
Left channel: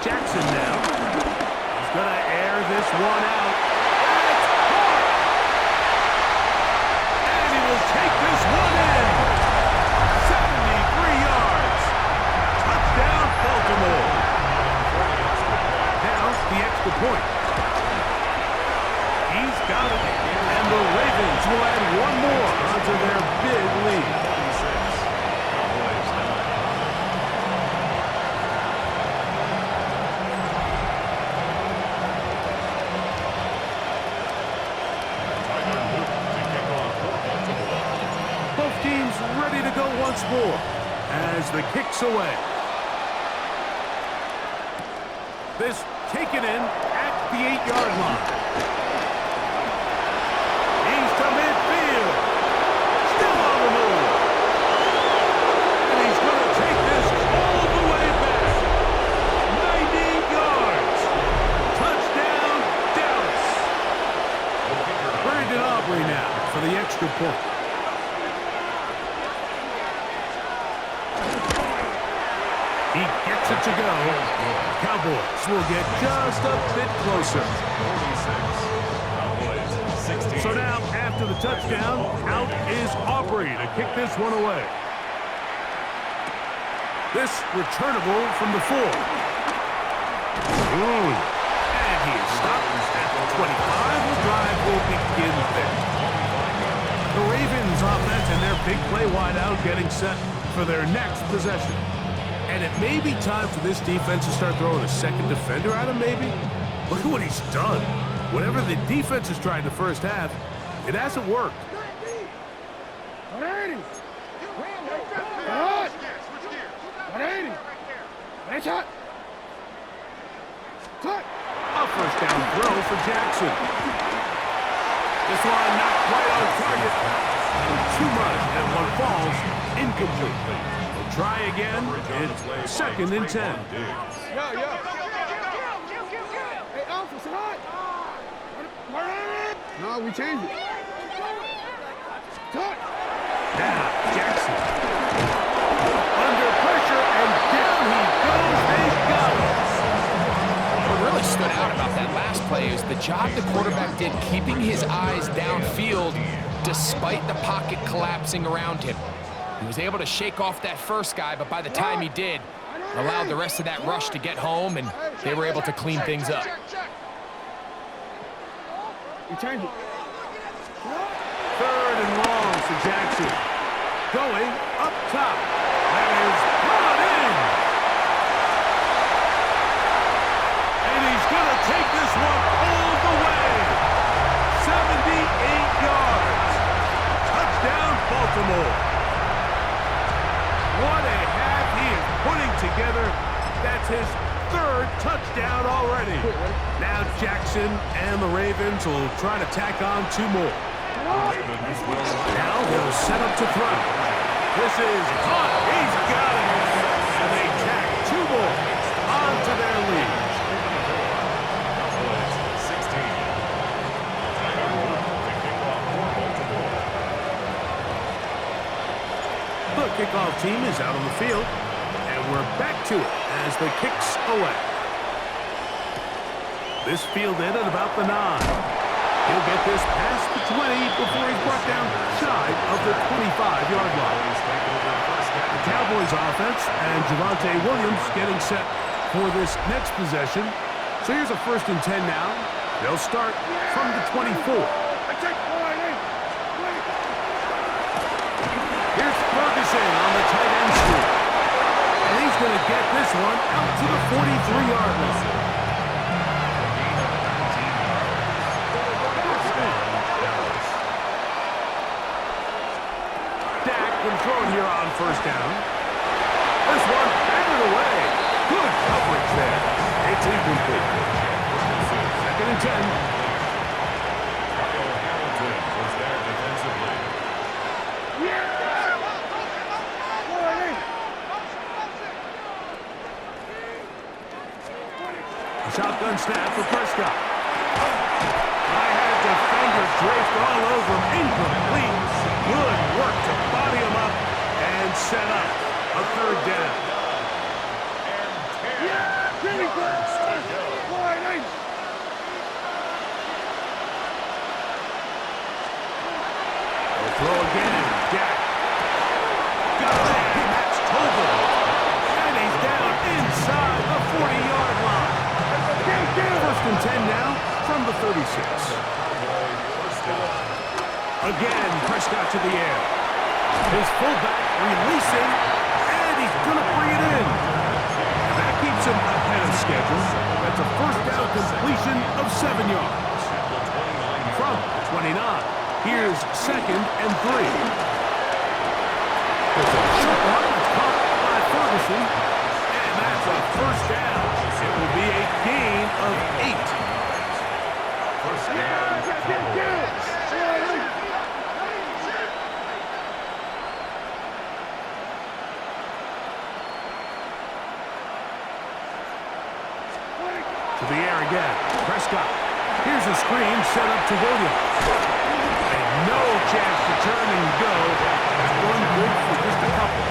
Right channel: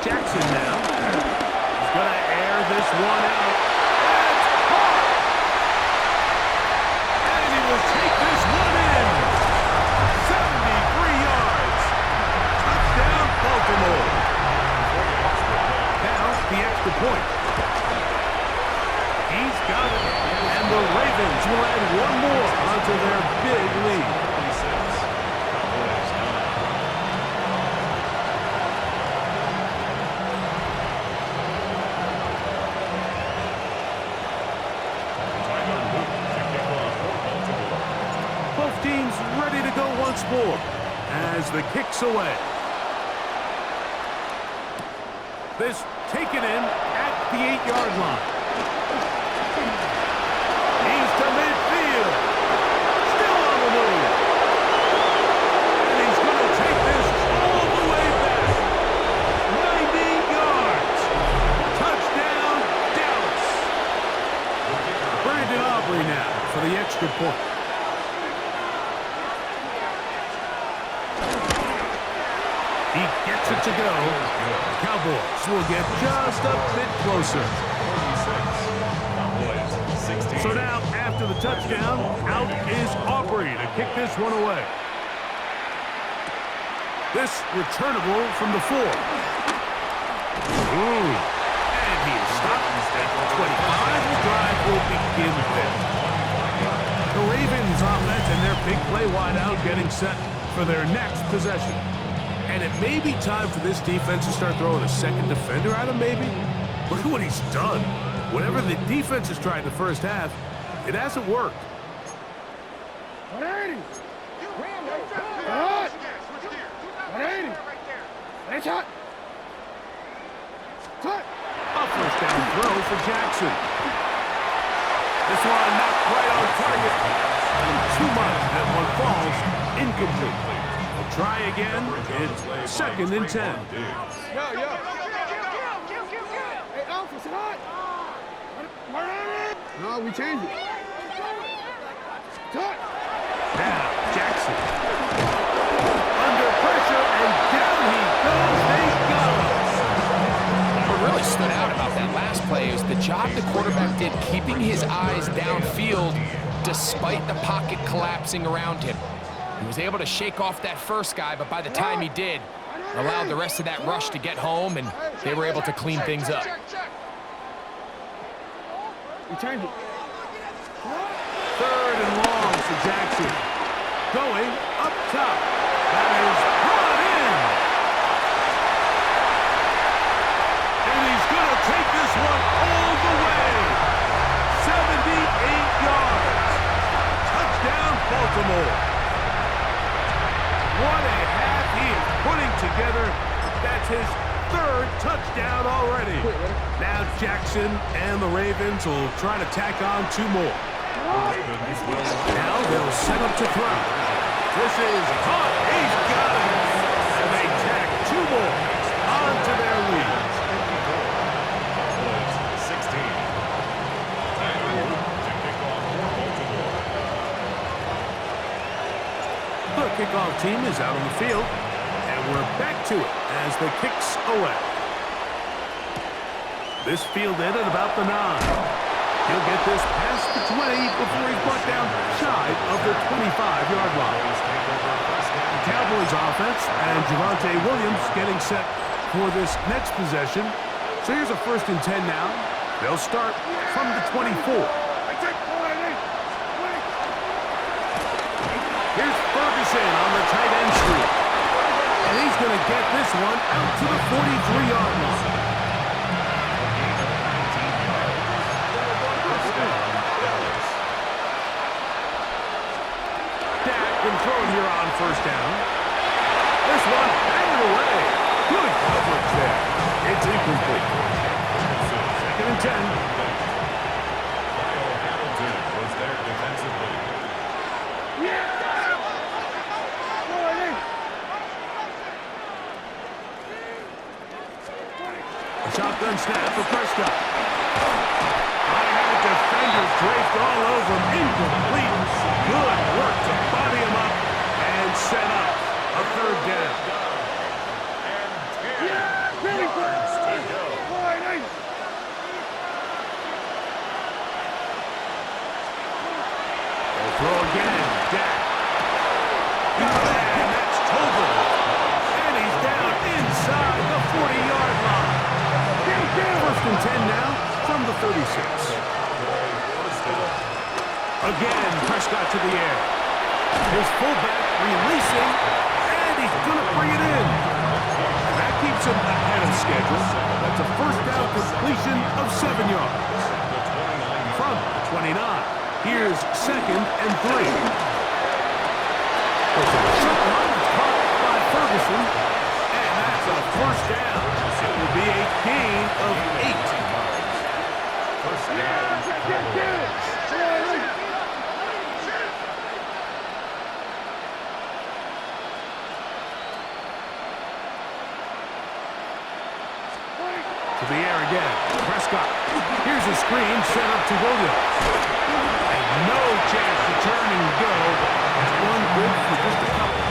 Jackson now. He's going to air this one out. That's caught! And he will take this one in. 73 yards. Touchdown, Baltimore. Now, the extra point. He's got it. And the Ravens will add one more onto their big lead. 46. Cowboys 9. Both teams ready to go once more as the kick's away. This taken in at the 8-yard line. He's to midfield. Still on the move. And he's going to take this all the way back. 90 yards. good point. He gets it to go. The Cowboys will get just a bit closer. 46. Cowboys 16. So now, after the touchdown, out is Aubrey to kick this one away. This returnable from the 4. And he is stopped at the 25. The drive will begin there. The Ravens offense and their big play wideout getting set for their next possession. And it may be time for this defense to start throwing a second defender at him, maybe. Look at what he's done. Whatever the defense has tried in the first half, it hasn't worked. A first down throw for Jackson. This one not quite on target. Too much, and one falls incomplete. We'll try again. It's 2nd and 10. Hey, Alpha, sit hot. No, we changed it. Cut. Now, Jackson. Under pressure, and down he goes. They got him. What really stood out about that last play is the job the quarterback did keeping his eyes downfield despite the pocket collapsing around him. He was able to shake off that first guy, but by the time he did, allowed the rest of that rush to get home, and they were able to clean things up. We changed it. 3rd and long for Jackson. Going up top. That is brought in. And he's going to take this one all the way. 78 yards. Touchdown, Baltimore. What a half he is putting together. That's his 3rd touchdown already. Now Jackson and the Ravens will try to tack on 2 more. Now they'll set up to throw. This is caught. He's got it. And they tack 2 more onto their lead. Cowboys 16. Time to kick off for Baltimore. The kickoff team is out on the field, and we're back to it as the kicks away. This fielded at about the 9. He'll get this past the 20 before he's brought down shy of the 25-yard line. The Cowboys offense and Javonte Williams getting set for this next possession. So here's a 1st and 10 now. They'll start from the 24. Here's Ferguson on the tight end streak. And he's going to get this one out to the 43-yard line. A gain of 19 yards. First down, Dallas. Dak can throw it here on 1st down. This one batted away. Good coverage there. It's incomplete. 2nd and 10. Kyle Hamilton was there defensively. A shotgun snap for Prescott. I had defenders draped all over him. Incomplete. Good work to body him up and set up a 3rd down. And 10 yards to go. They'll throw again. Dak. Got it, and that's Tobin. And he's down inside the 40-yard line. 1st and 10 now from the 36. First down. Again, Prescott to the air. His fullback releasing, and he's going to bring it in. And that keeps him ahead of schedule. That's a 1st down completion of 7 yards. From the 29. Here's 2nd and 3. It's a short one that's caught by Ferguson. And that's a 1st down. It will be a gain of 8. First down, Cowboys. To the air again. Prescott. Here's a screen set up to Williams. And No chance to turn and go. That one good for just a couple.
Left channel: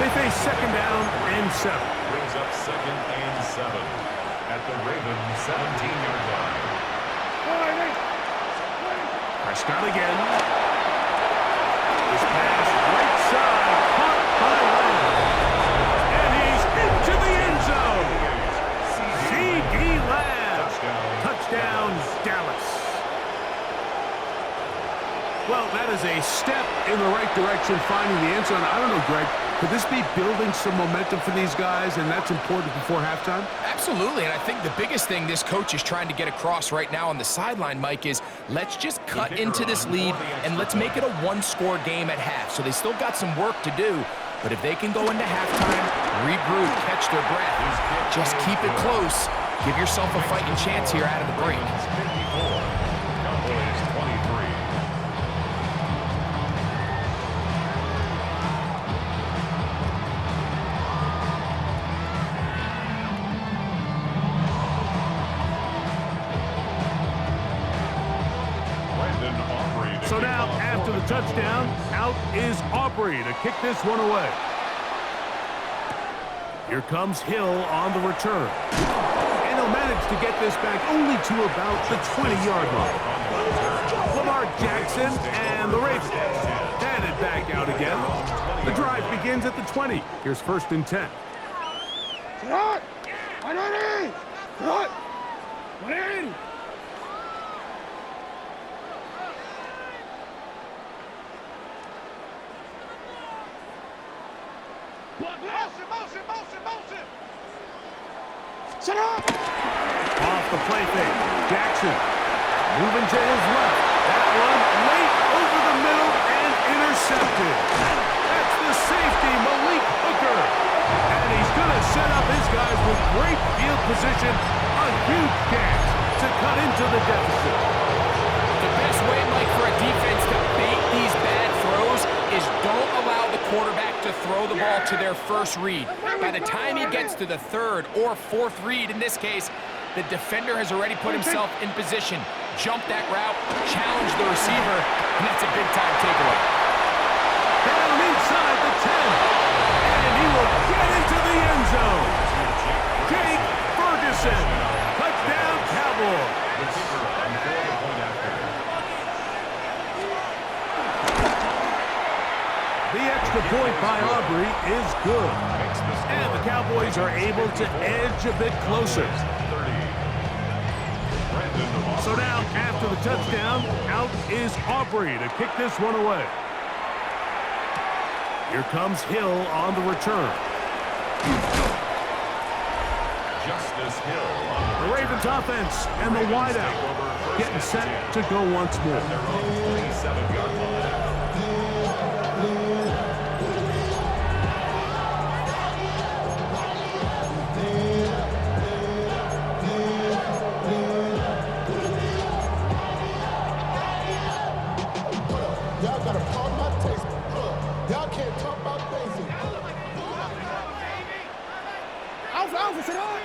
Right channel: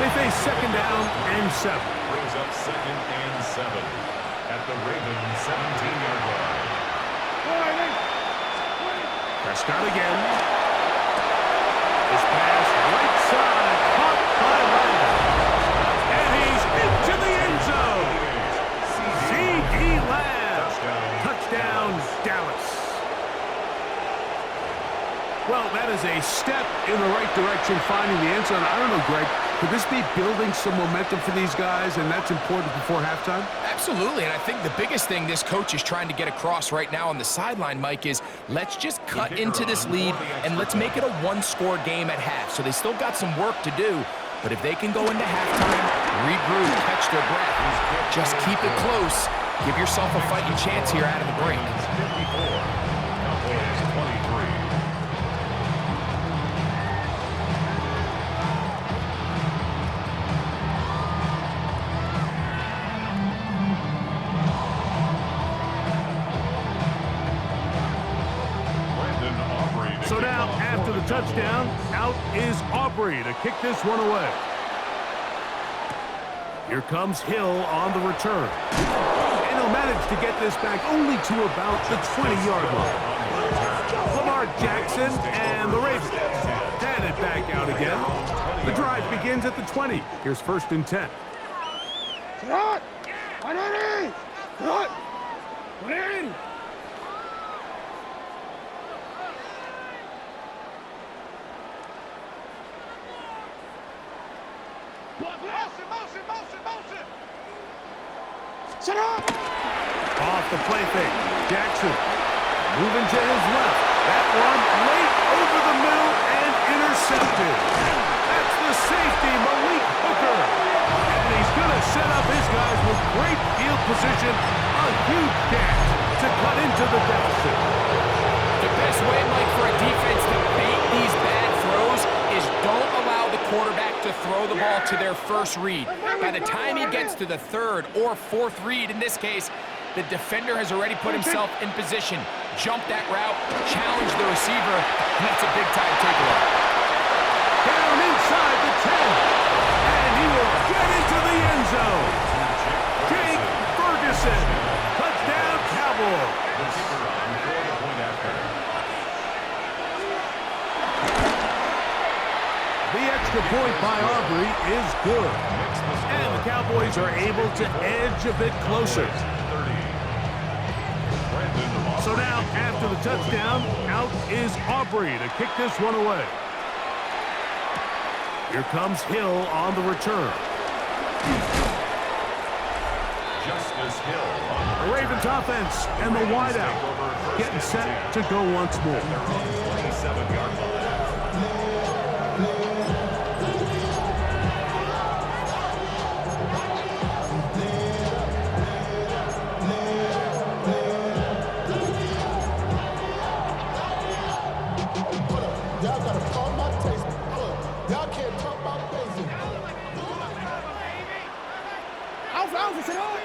They face second down and 7. Brings up second and 7 at the Ravens 17-yard line. Prescott again. This pass right side, caught by Lamb. And he's into the end zone. C.D. Lamb. Touchdown, Dallas. Well, that is a step in the right direction, finding the end zone. I don't know, Greg. Could this be building some momentum for these guys, and that's important before halftime? Absolutely, and I think the biggest thing this coach is trying to get across right now on the sideline, Mike, is let's just cut into this lead and let's make it a one-score game at half. So they still got some work to do, but if they can go into halftime, regroup, catch their breath, just keep it close, give yourself a fighting chance here out of the break. 54, Cowboys 23. So now, after the touchdown, out is Aubrey to kick this one away. Here comes Hill on the return. And he'll manage to get this back only to about the 20-yard line. Lamar Jackson and the Ravens headed back out again. The drive begins at the 20. Here's 1st and 10. Off the play fake. Jackson moving to his left. That one late over the middle and intercepted. That's the safety, Malik Hooker. And he's going to set up his guys with great field position. A huge chance to cut into the deficit. The best way, Mike, for a defense to bait these bad throws is don't allow the quarterback to throw the ball to their first read. By the time he gets to the 3rd or 4th read, in this case, the defender has already put himself in position, jumped that route, challenged the receiver, and that's a big-time takeaway. Down inside the 10, and he will get into the end zone. Jake Ferguson, touchdown Cowboys. The keeper on for the point after. The extra point by Aubrey is good. And the Cowboys are able to edge a bit closer. So now, after the touchdown, out is Aubrey to kick this one away. Here comes Hill on the return. Justice Hill on The Ravens offense and the wideout getting set to go once more. at their own 27-yard line. Y'all gotta pump my taste. Y'all can't pump my basic. Alpha, sit on.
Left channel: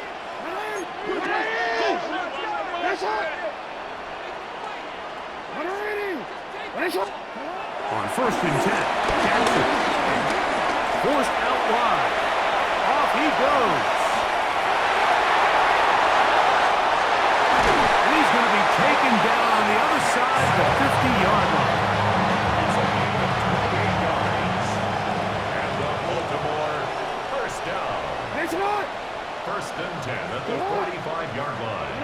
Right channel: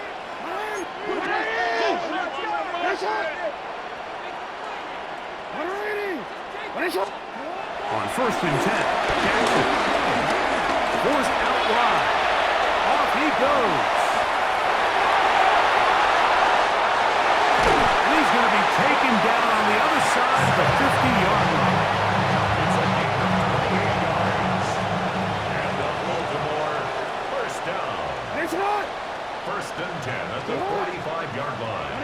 On 1st and 10, Jackson forced out wide. Off he goes. And he's going to be taken down on the other side of the 50-yard line. It's a gain of 28 yards. And the Baltimore first down. 1st and 10 at the 45-yard line.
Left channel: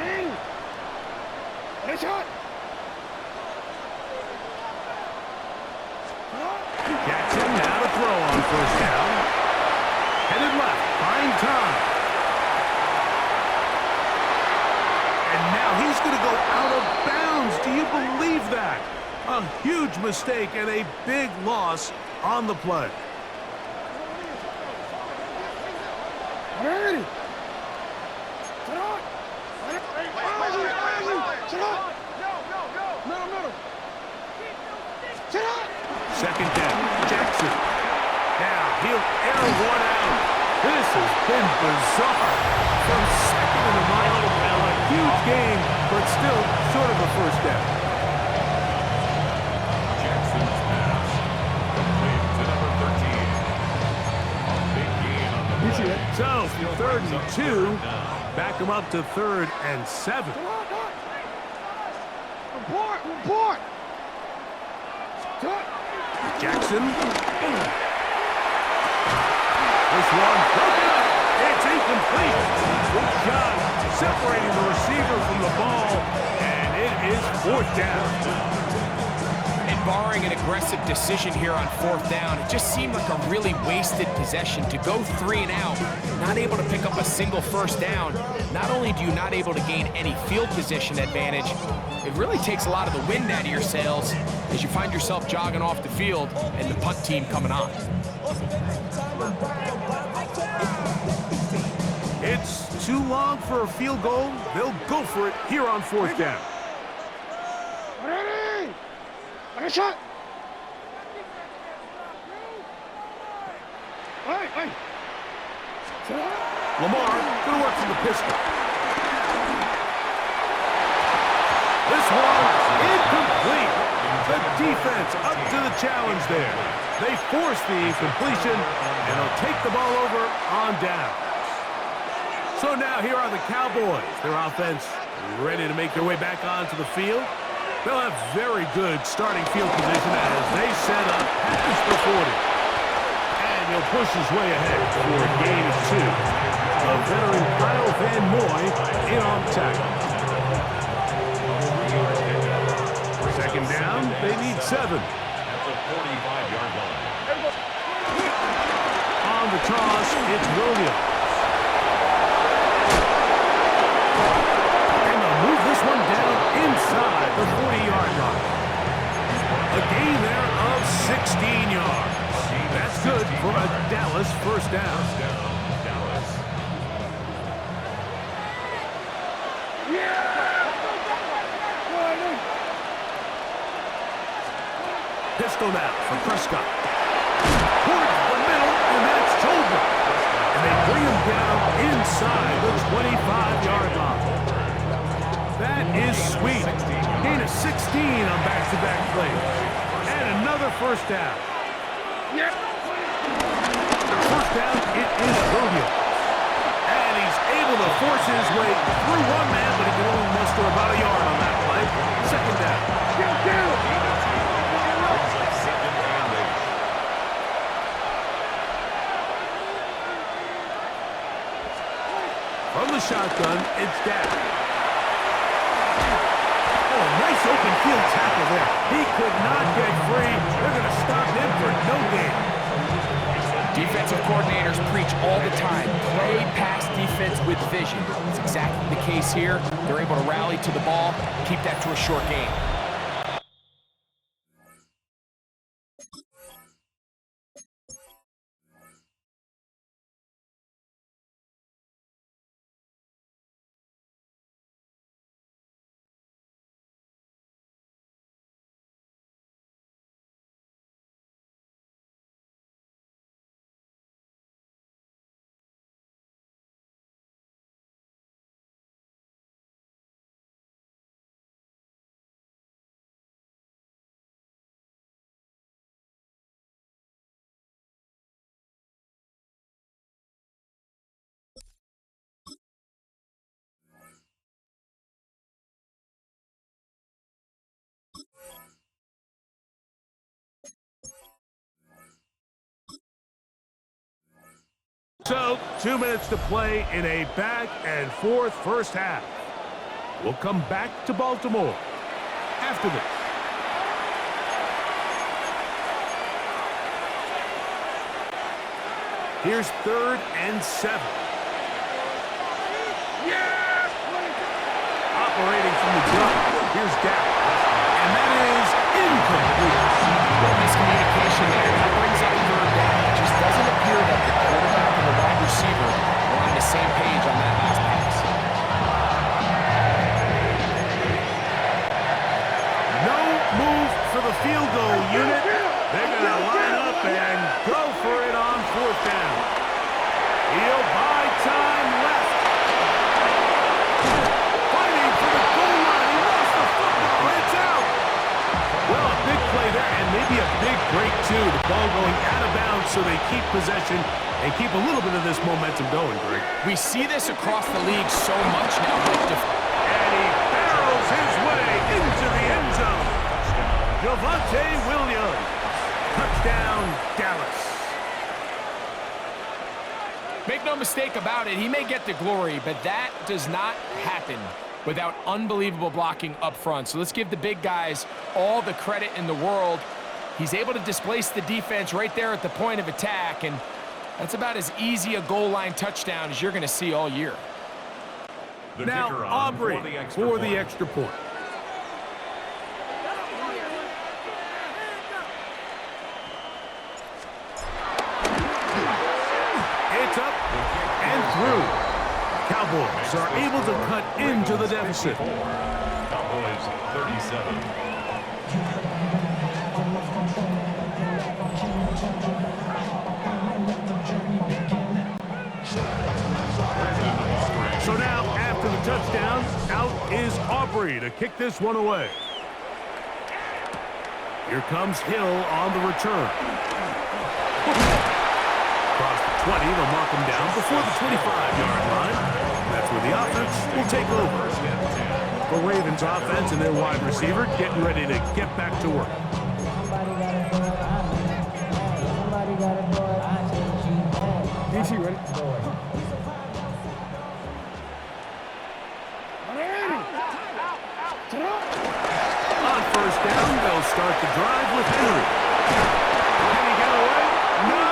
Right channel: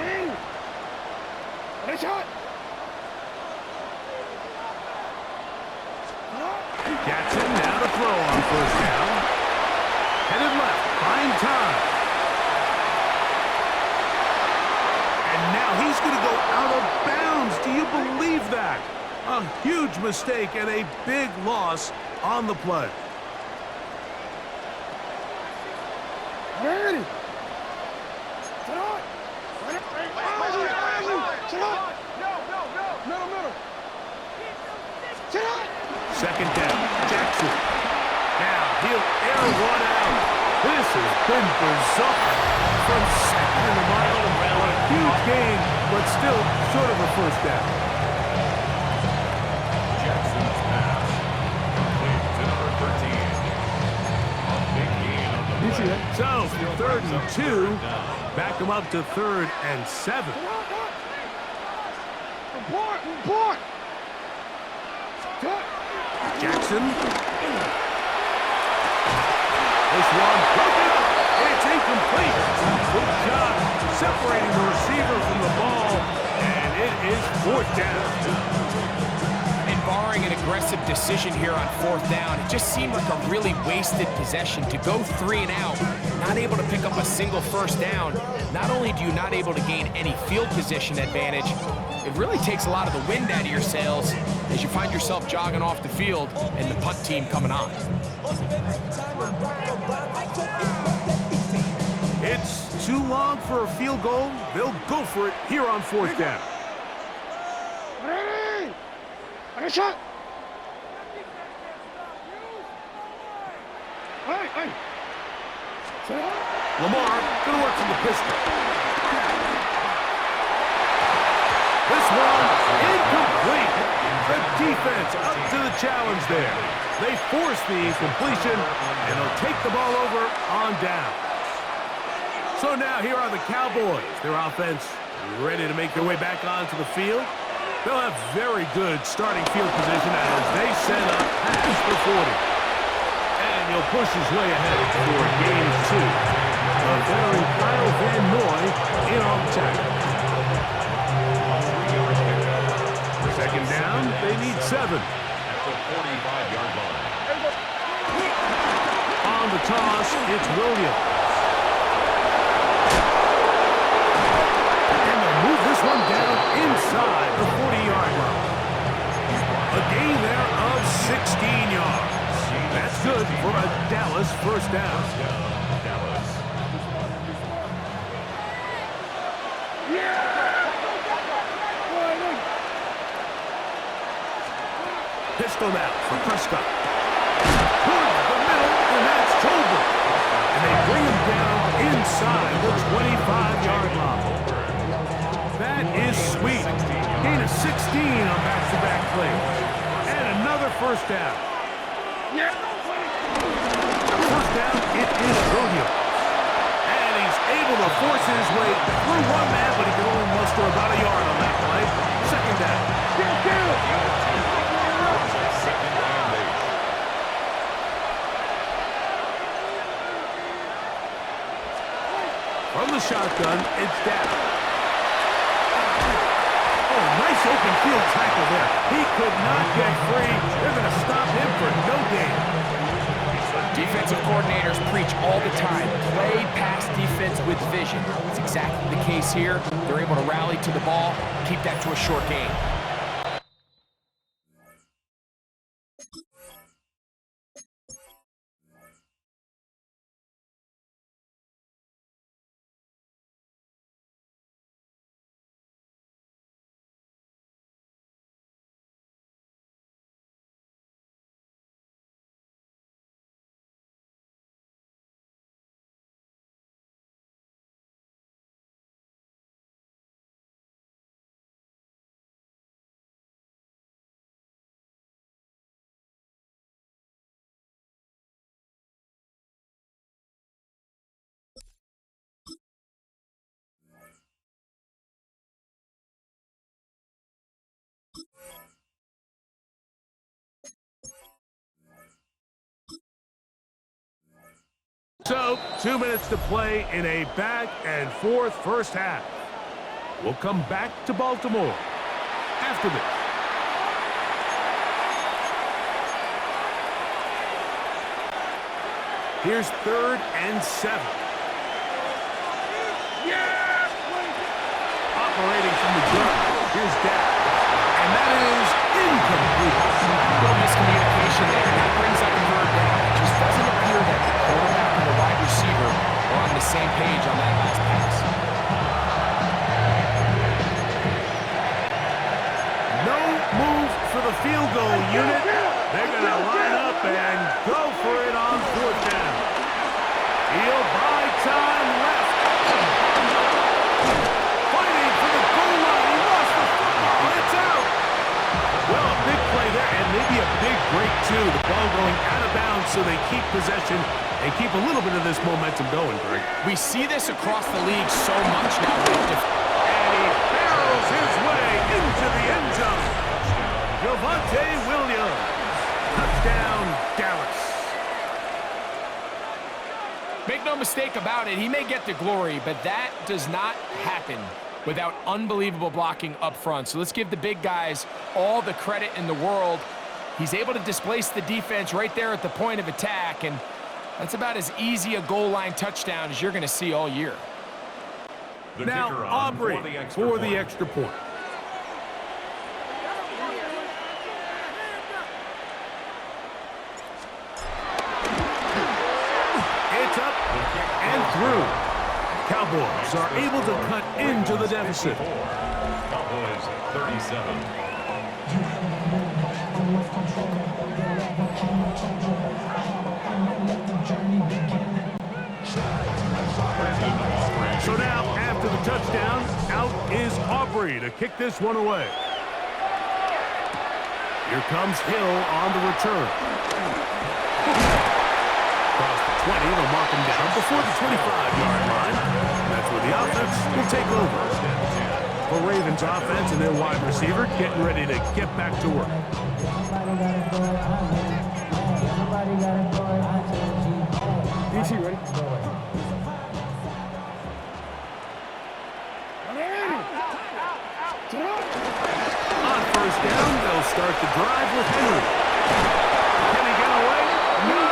Jackson now to throw on 1st down. Headed left, find time. And now he's going to go out of bounds. Do you believe that? A huge mistake and a big loss on the play. Second down, Jackson. Now he'll air one out. This has been bizarre. From second and a mile, a huge gain, but still short of a 1st down. So, 3rd and 2. Back them up to 3rd and 7. Report. Jackson. This one broken up. It's incomplete. Good job separating the receiver from the ball, and it is 4th down. And barring an aggressive decision here on 4th down, it just seemed like a really wasted possession to go 3 and out, not able to pick up a single 1st down. Not only do you not able to gain any field position advantage, it really takes a lot of the wind out of your sails as you find yourself jogging off the field and the punt team coming on. It's too long for a field goal. They'll go for it here on 4th down. Ready? I shot. Hey. Lamar going to work from the pistol. This one incomplete. The defense up to the challenge there. They force the incompletion, and they'll take the ball over on down. So now here are the Cowboys. Their offense ready to make their way back onto the field. They'll have very good starting field position as they set up past the 40. And he'll push his way ahead for a gain of 2. A veteran Kyle Van Noy in on the tackle. 2nd down, they need 7. At the 45-yard line. On the toss, it's Williams. And they'll move this one down inside the 40-yard line. A gain there of 16 yards. That's good for a Dallas 1st down. Dallas. Pistol now for Prescott. Towards the middle, and that's Tolbert. And they bring him down inside the 25-yard line. That is sweet. Gain of 16 on back-to-back plays. And another 1st down. 1st down, it is Williams. And he's able to force his way through one man, but he can only muster about a yard on that play. 2nd down. Second and 8. From the shotgun, it's down. Oh, nice open field tackle there. He could not get free. They're going to stop him for no gain. Defensive coordinators preach all the time, play pass defense with vision. It's exactly the case here. They're able to rally to the ball, keep that to a short gain. So, 2 minutes to play in a back-and-forth 1st half. We'll come back to Baltimore after this. Here's 3rd and 7. Operating from the gun. Here's Dak. And that is incomplete. A little miscommunication there. That brings up 3rd down. It just doesn't appear that the quarterback and the wide receiver are on the same page on that last pass. No move for the field goal unit. They're going to line up and go for it on 4th down. He'll buy time left. Fighting for the goal line. He lost the football. It's out. Well, a big play there and maybe a big great, too. The ball going out of bounds so they keep possession and keep a little bit of this momentum going, Greg. We see this across the league so much now. And he barrels his way into the end zone. Javonte Williams. Touchdown, Dallas. Make no mistake about it, he may get the glory, but that does not happen without unbelievable blocking up front. So let's give the big guys all the credit in the world. He's able to displace the defense right there at the point of attack, and that's about as easy a goal line touchdown as you're going to see all year. Now Aubrey for the extra point. It's up and through. Cowboys are able to cut into the deficit. Cowboys 37. So now, after the touchdown, out is Aubrey to kick this one away. Here comes Hill on the return. Across the 20, they'll mark him down before the 25-yard line. That's where the offense will take over. The Ravens offense and their wide receiver getting ready to get back to work. DC ready? On first down, they'll start the drive with Henry. Can he get away? No!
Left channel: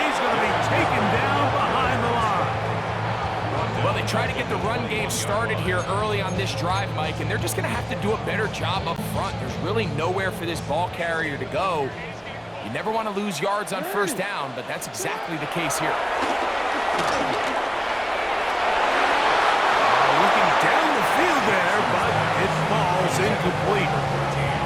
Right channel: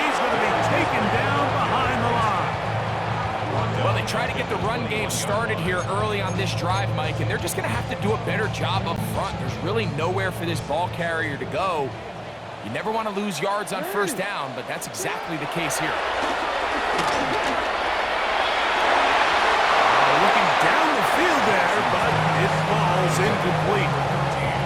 He's going to be taken down behind the line. Well, they try to get the run game started here early on this drive, Mike, and they're just going to have to do a better job up front. There's really nowhere for this ball carrier to go. You never want to lose yards on first down, but that's exactly the case here. Looking down the field there, but it falls incomplete.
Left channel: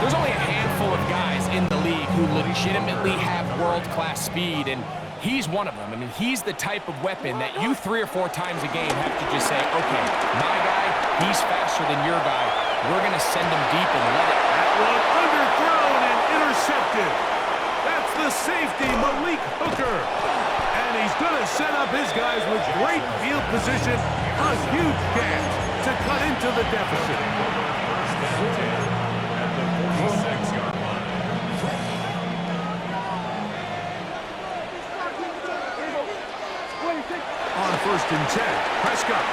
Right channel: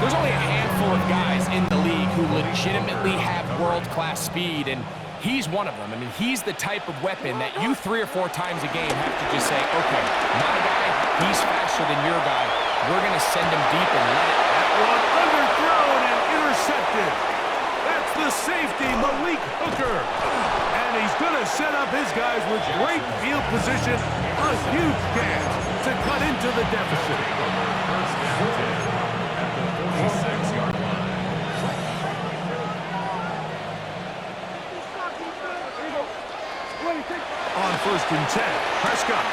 There's only a handful of guys in the league who legitimately have world-class speed, and he's one of them. I mean, he's the type of weapon that you 3 or 4 times a game have to just say, okay, my guy, he's faster than your guy. We're going to send him deep and let it. That one underthrown and intercepted. That's the safety, Malik Hooker. And he's going to set up his guys with great field position. A huge chance to cut into the deficit. First down 10 at the 46-yard line. On first and 10, Prescott.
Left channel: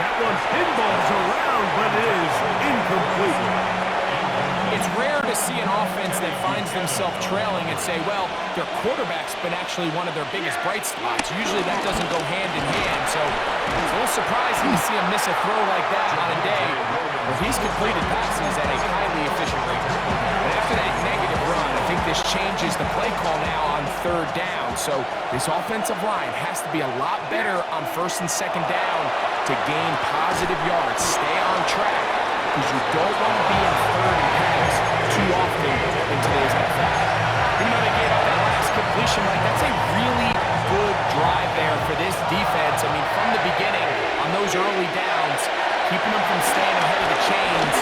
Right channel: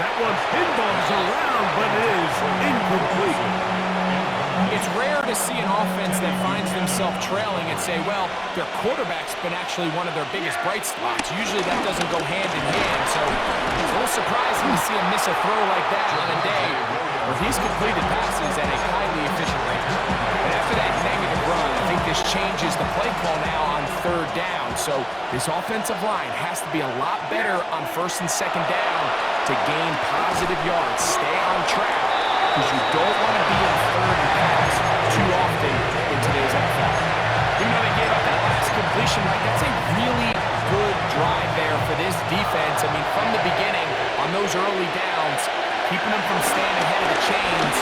That one pinballs around, but it is incomplete. It's rare to see an offense that finds themselves trailing and say, well, their quarterback's been actually one of their biggest bright spots. Usually that doesn't go hand in hand, so it's a little surprising to see him miss a throw like that on a day where he's completed passes at a highly efficient rate. And after that negative run, I think this changes the play call now on third down. So this offensive line has to be a lot better on first and second down to gain positive yards. Stay on track, because you don't want to be in third and pass too often in today's NFL. Even though they gave up that last completion, like that's a really good drive there for this defense. I mean, from the beginning, on those early downs, keeping them from staying ahead of the chains,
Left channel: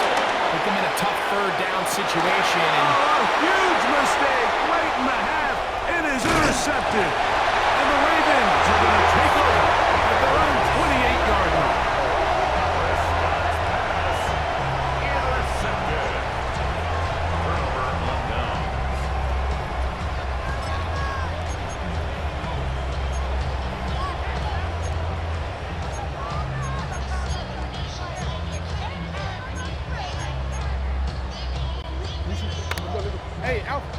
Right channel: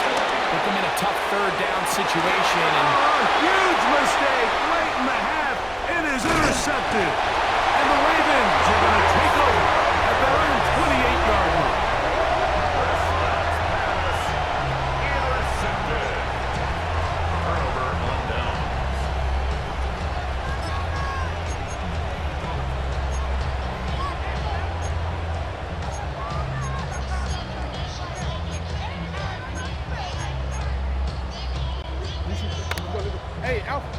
put them in a tough third down situation. And a huge mistake late in the half. It is intercepted. And the Ravens are going to take over at their own 28-yard line. Prescott's pass intercepted. Turnover on downs. Hey, Alpha.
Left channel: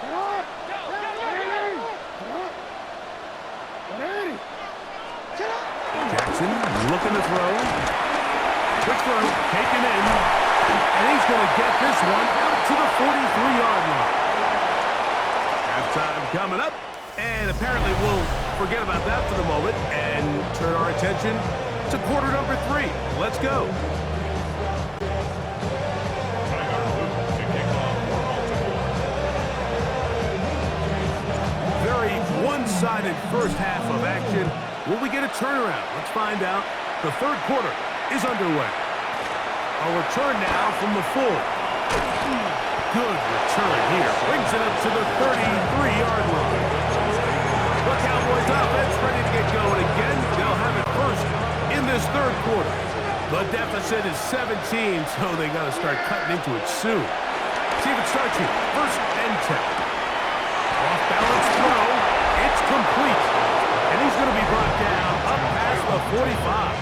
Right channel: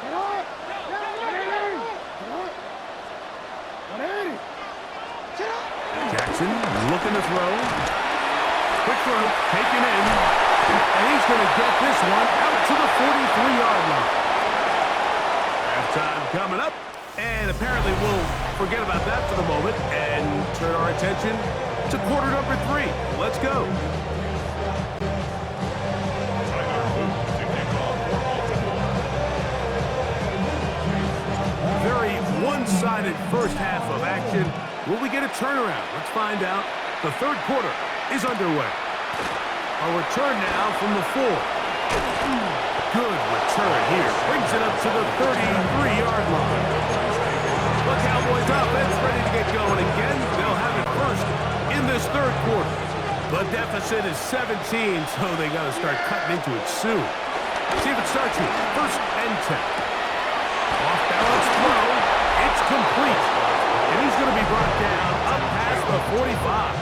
Get on! Jackson looking to throw. Quick throw, taken in. And he's going to get this one out to the 43-yard line. Halftime coming up. And apparently we'll forget about that for the moment and turn our attention to quarter number 3. Let's go. Tyler Luke to kick off for Baltimore. Very one-sided first half of action. Will we get a turnaround? Let's find out. The third quarter is underway. A return now from the full. Good return here. Brings it up to the 33-yard line. The Cowboys offense ready to get going again. They'll have it first in this third quarter. The deficit is 17, so they got to start cutting into it soon. See if it starts here. First and 10. Off-balance throw. It's complete. And he's going to be brought down up past the 45.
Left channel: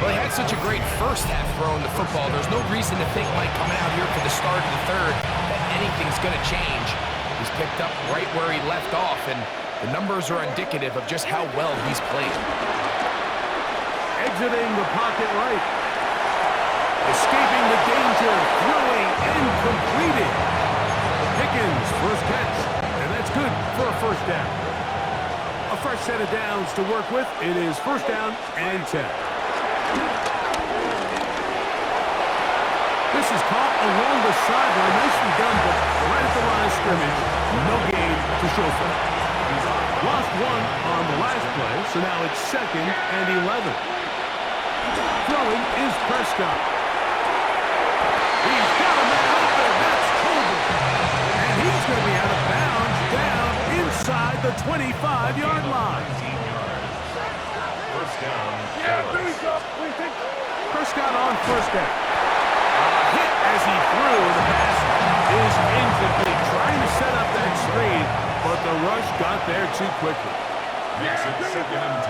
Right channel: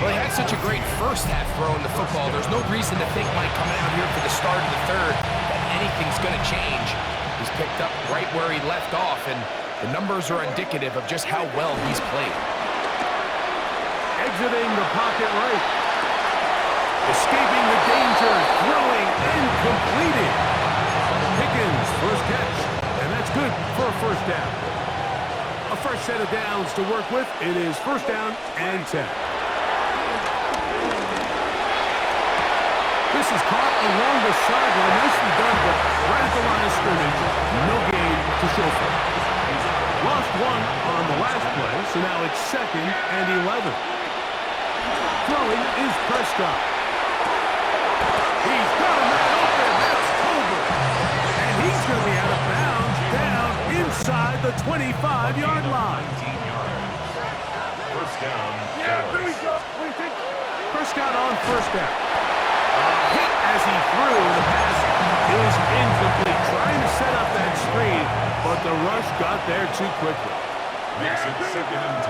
Well, he had such a great first half throwing the football. There's no reason to think, Mike, coming out here for the start of the third, that anything's going to change. He's picked up right where he left off, and the numbers are indicative of just how well he's played. Exiting the pocket right. Escaping the danger, throwing and completing. Pickens, first catch, and that's good for a first down. A fresh set of downs to work with. It is first down and 10. This is caught along the sideline. Nicely done, but right at the line of scrimmage, no gain to show for it. Lost one on the last play, so now it's second and 11. Throwing is Prescott. He's got a man open. That's Colbert. And he's going to be out of bounds down inside the 25-yard line. 19 yards. First down. Yeah, here we go. What do you think? Prescott on first down. Hit as he threw. The pass is incomplete. Trying to set up that screen, but the rush got there too quickly. Makes it second and 10.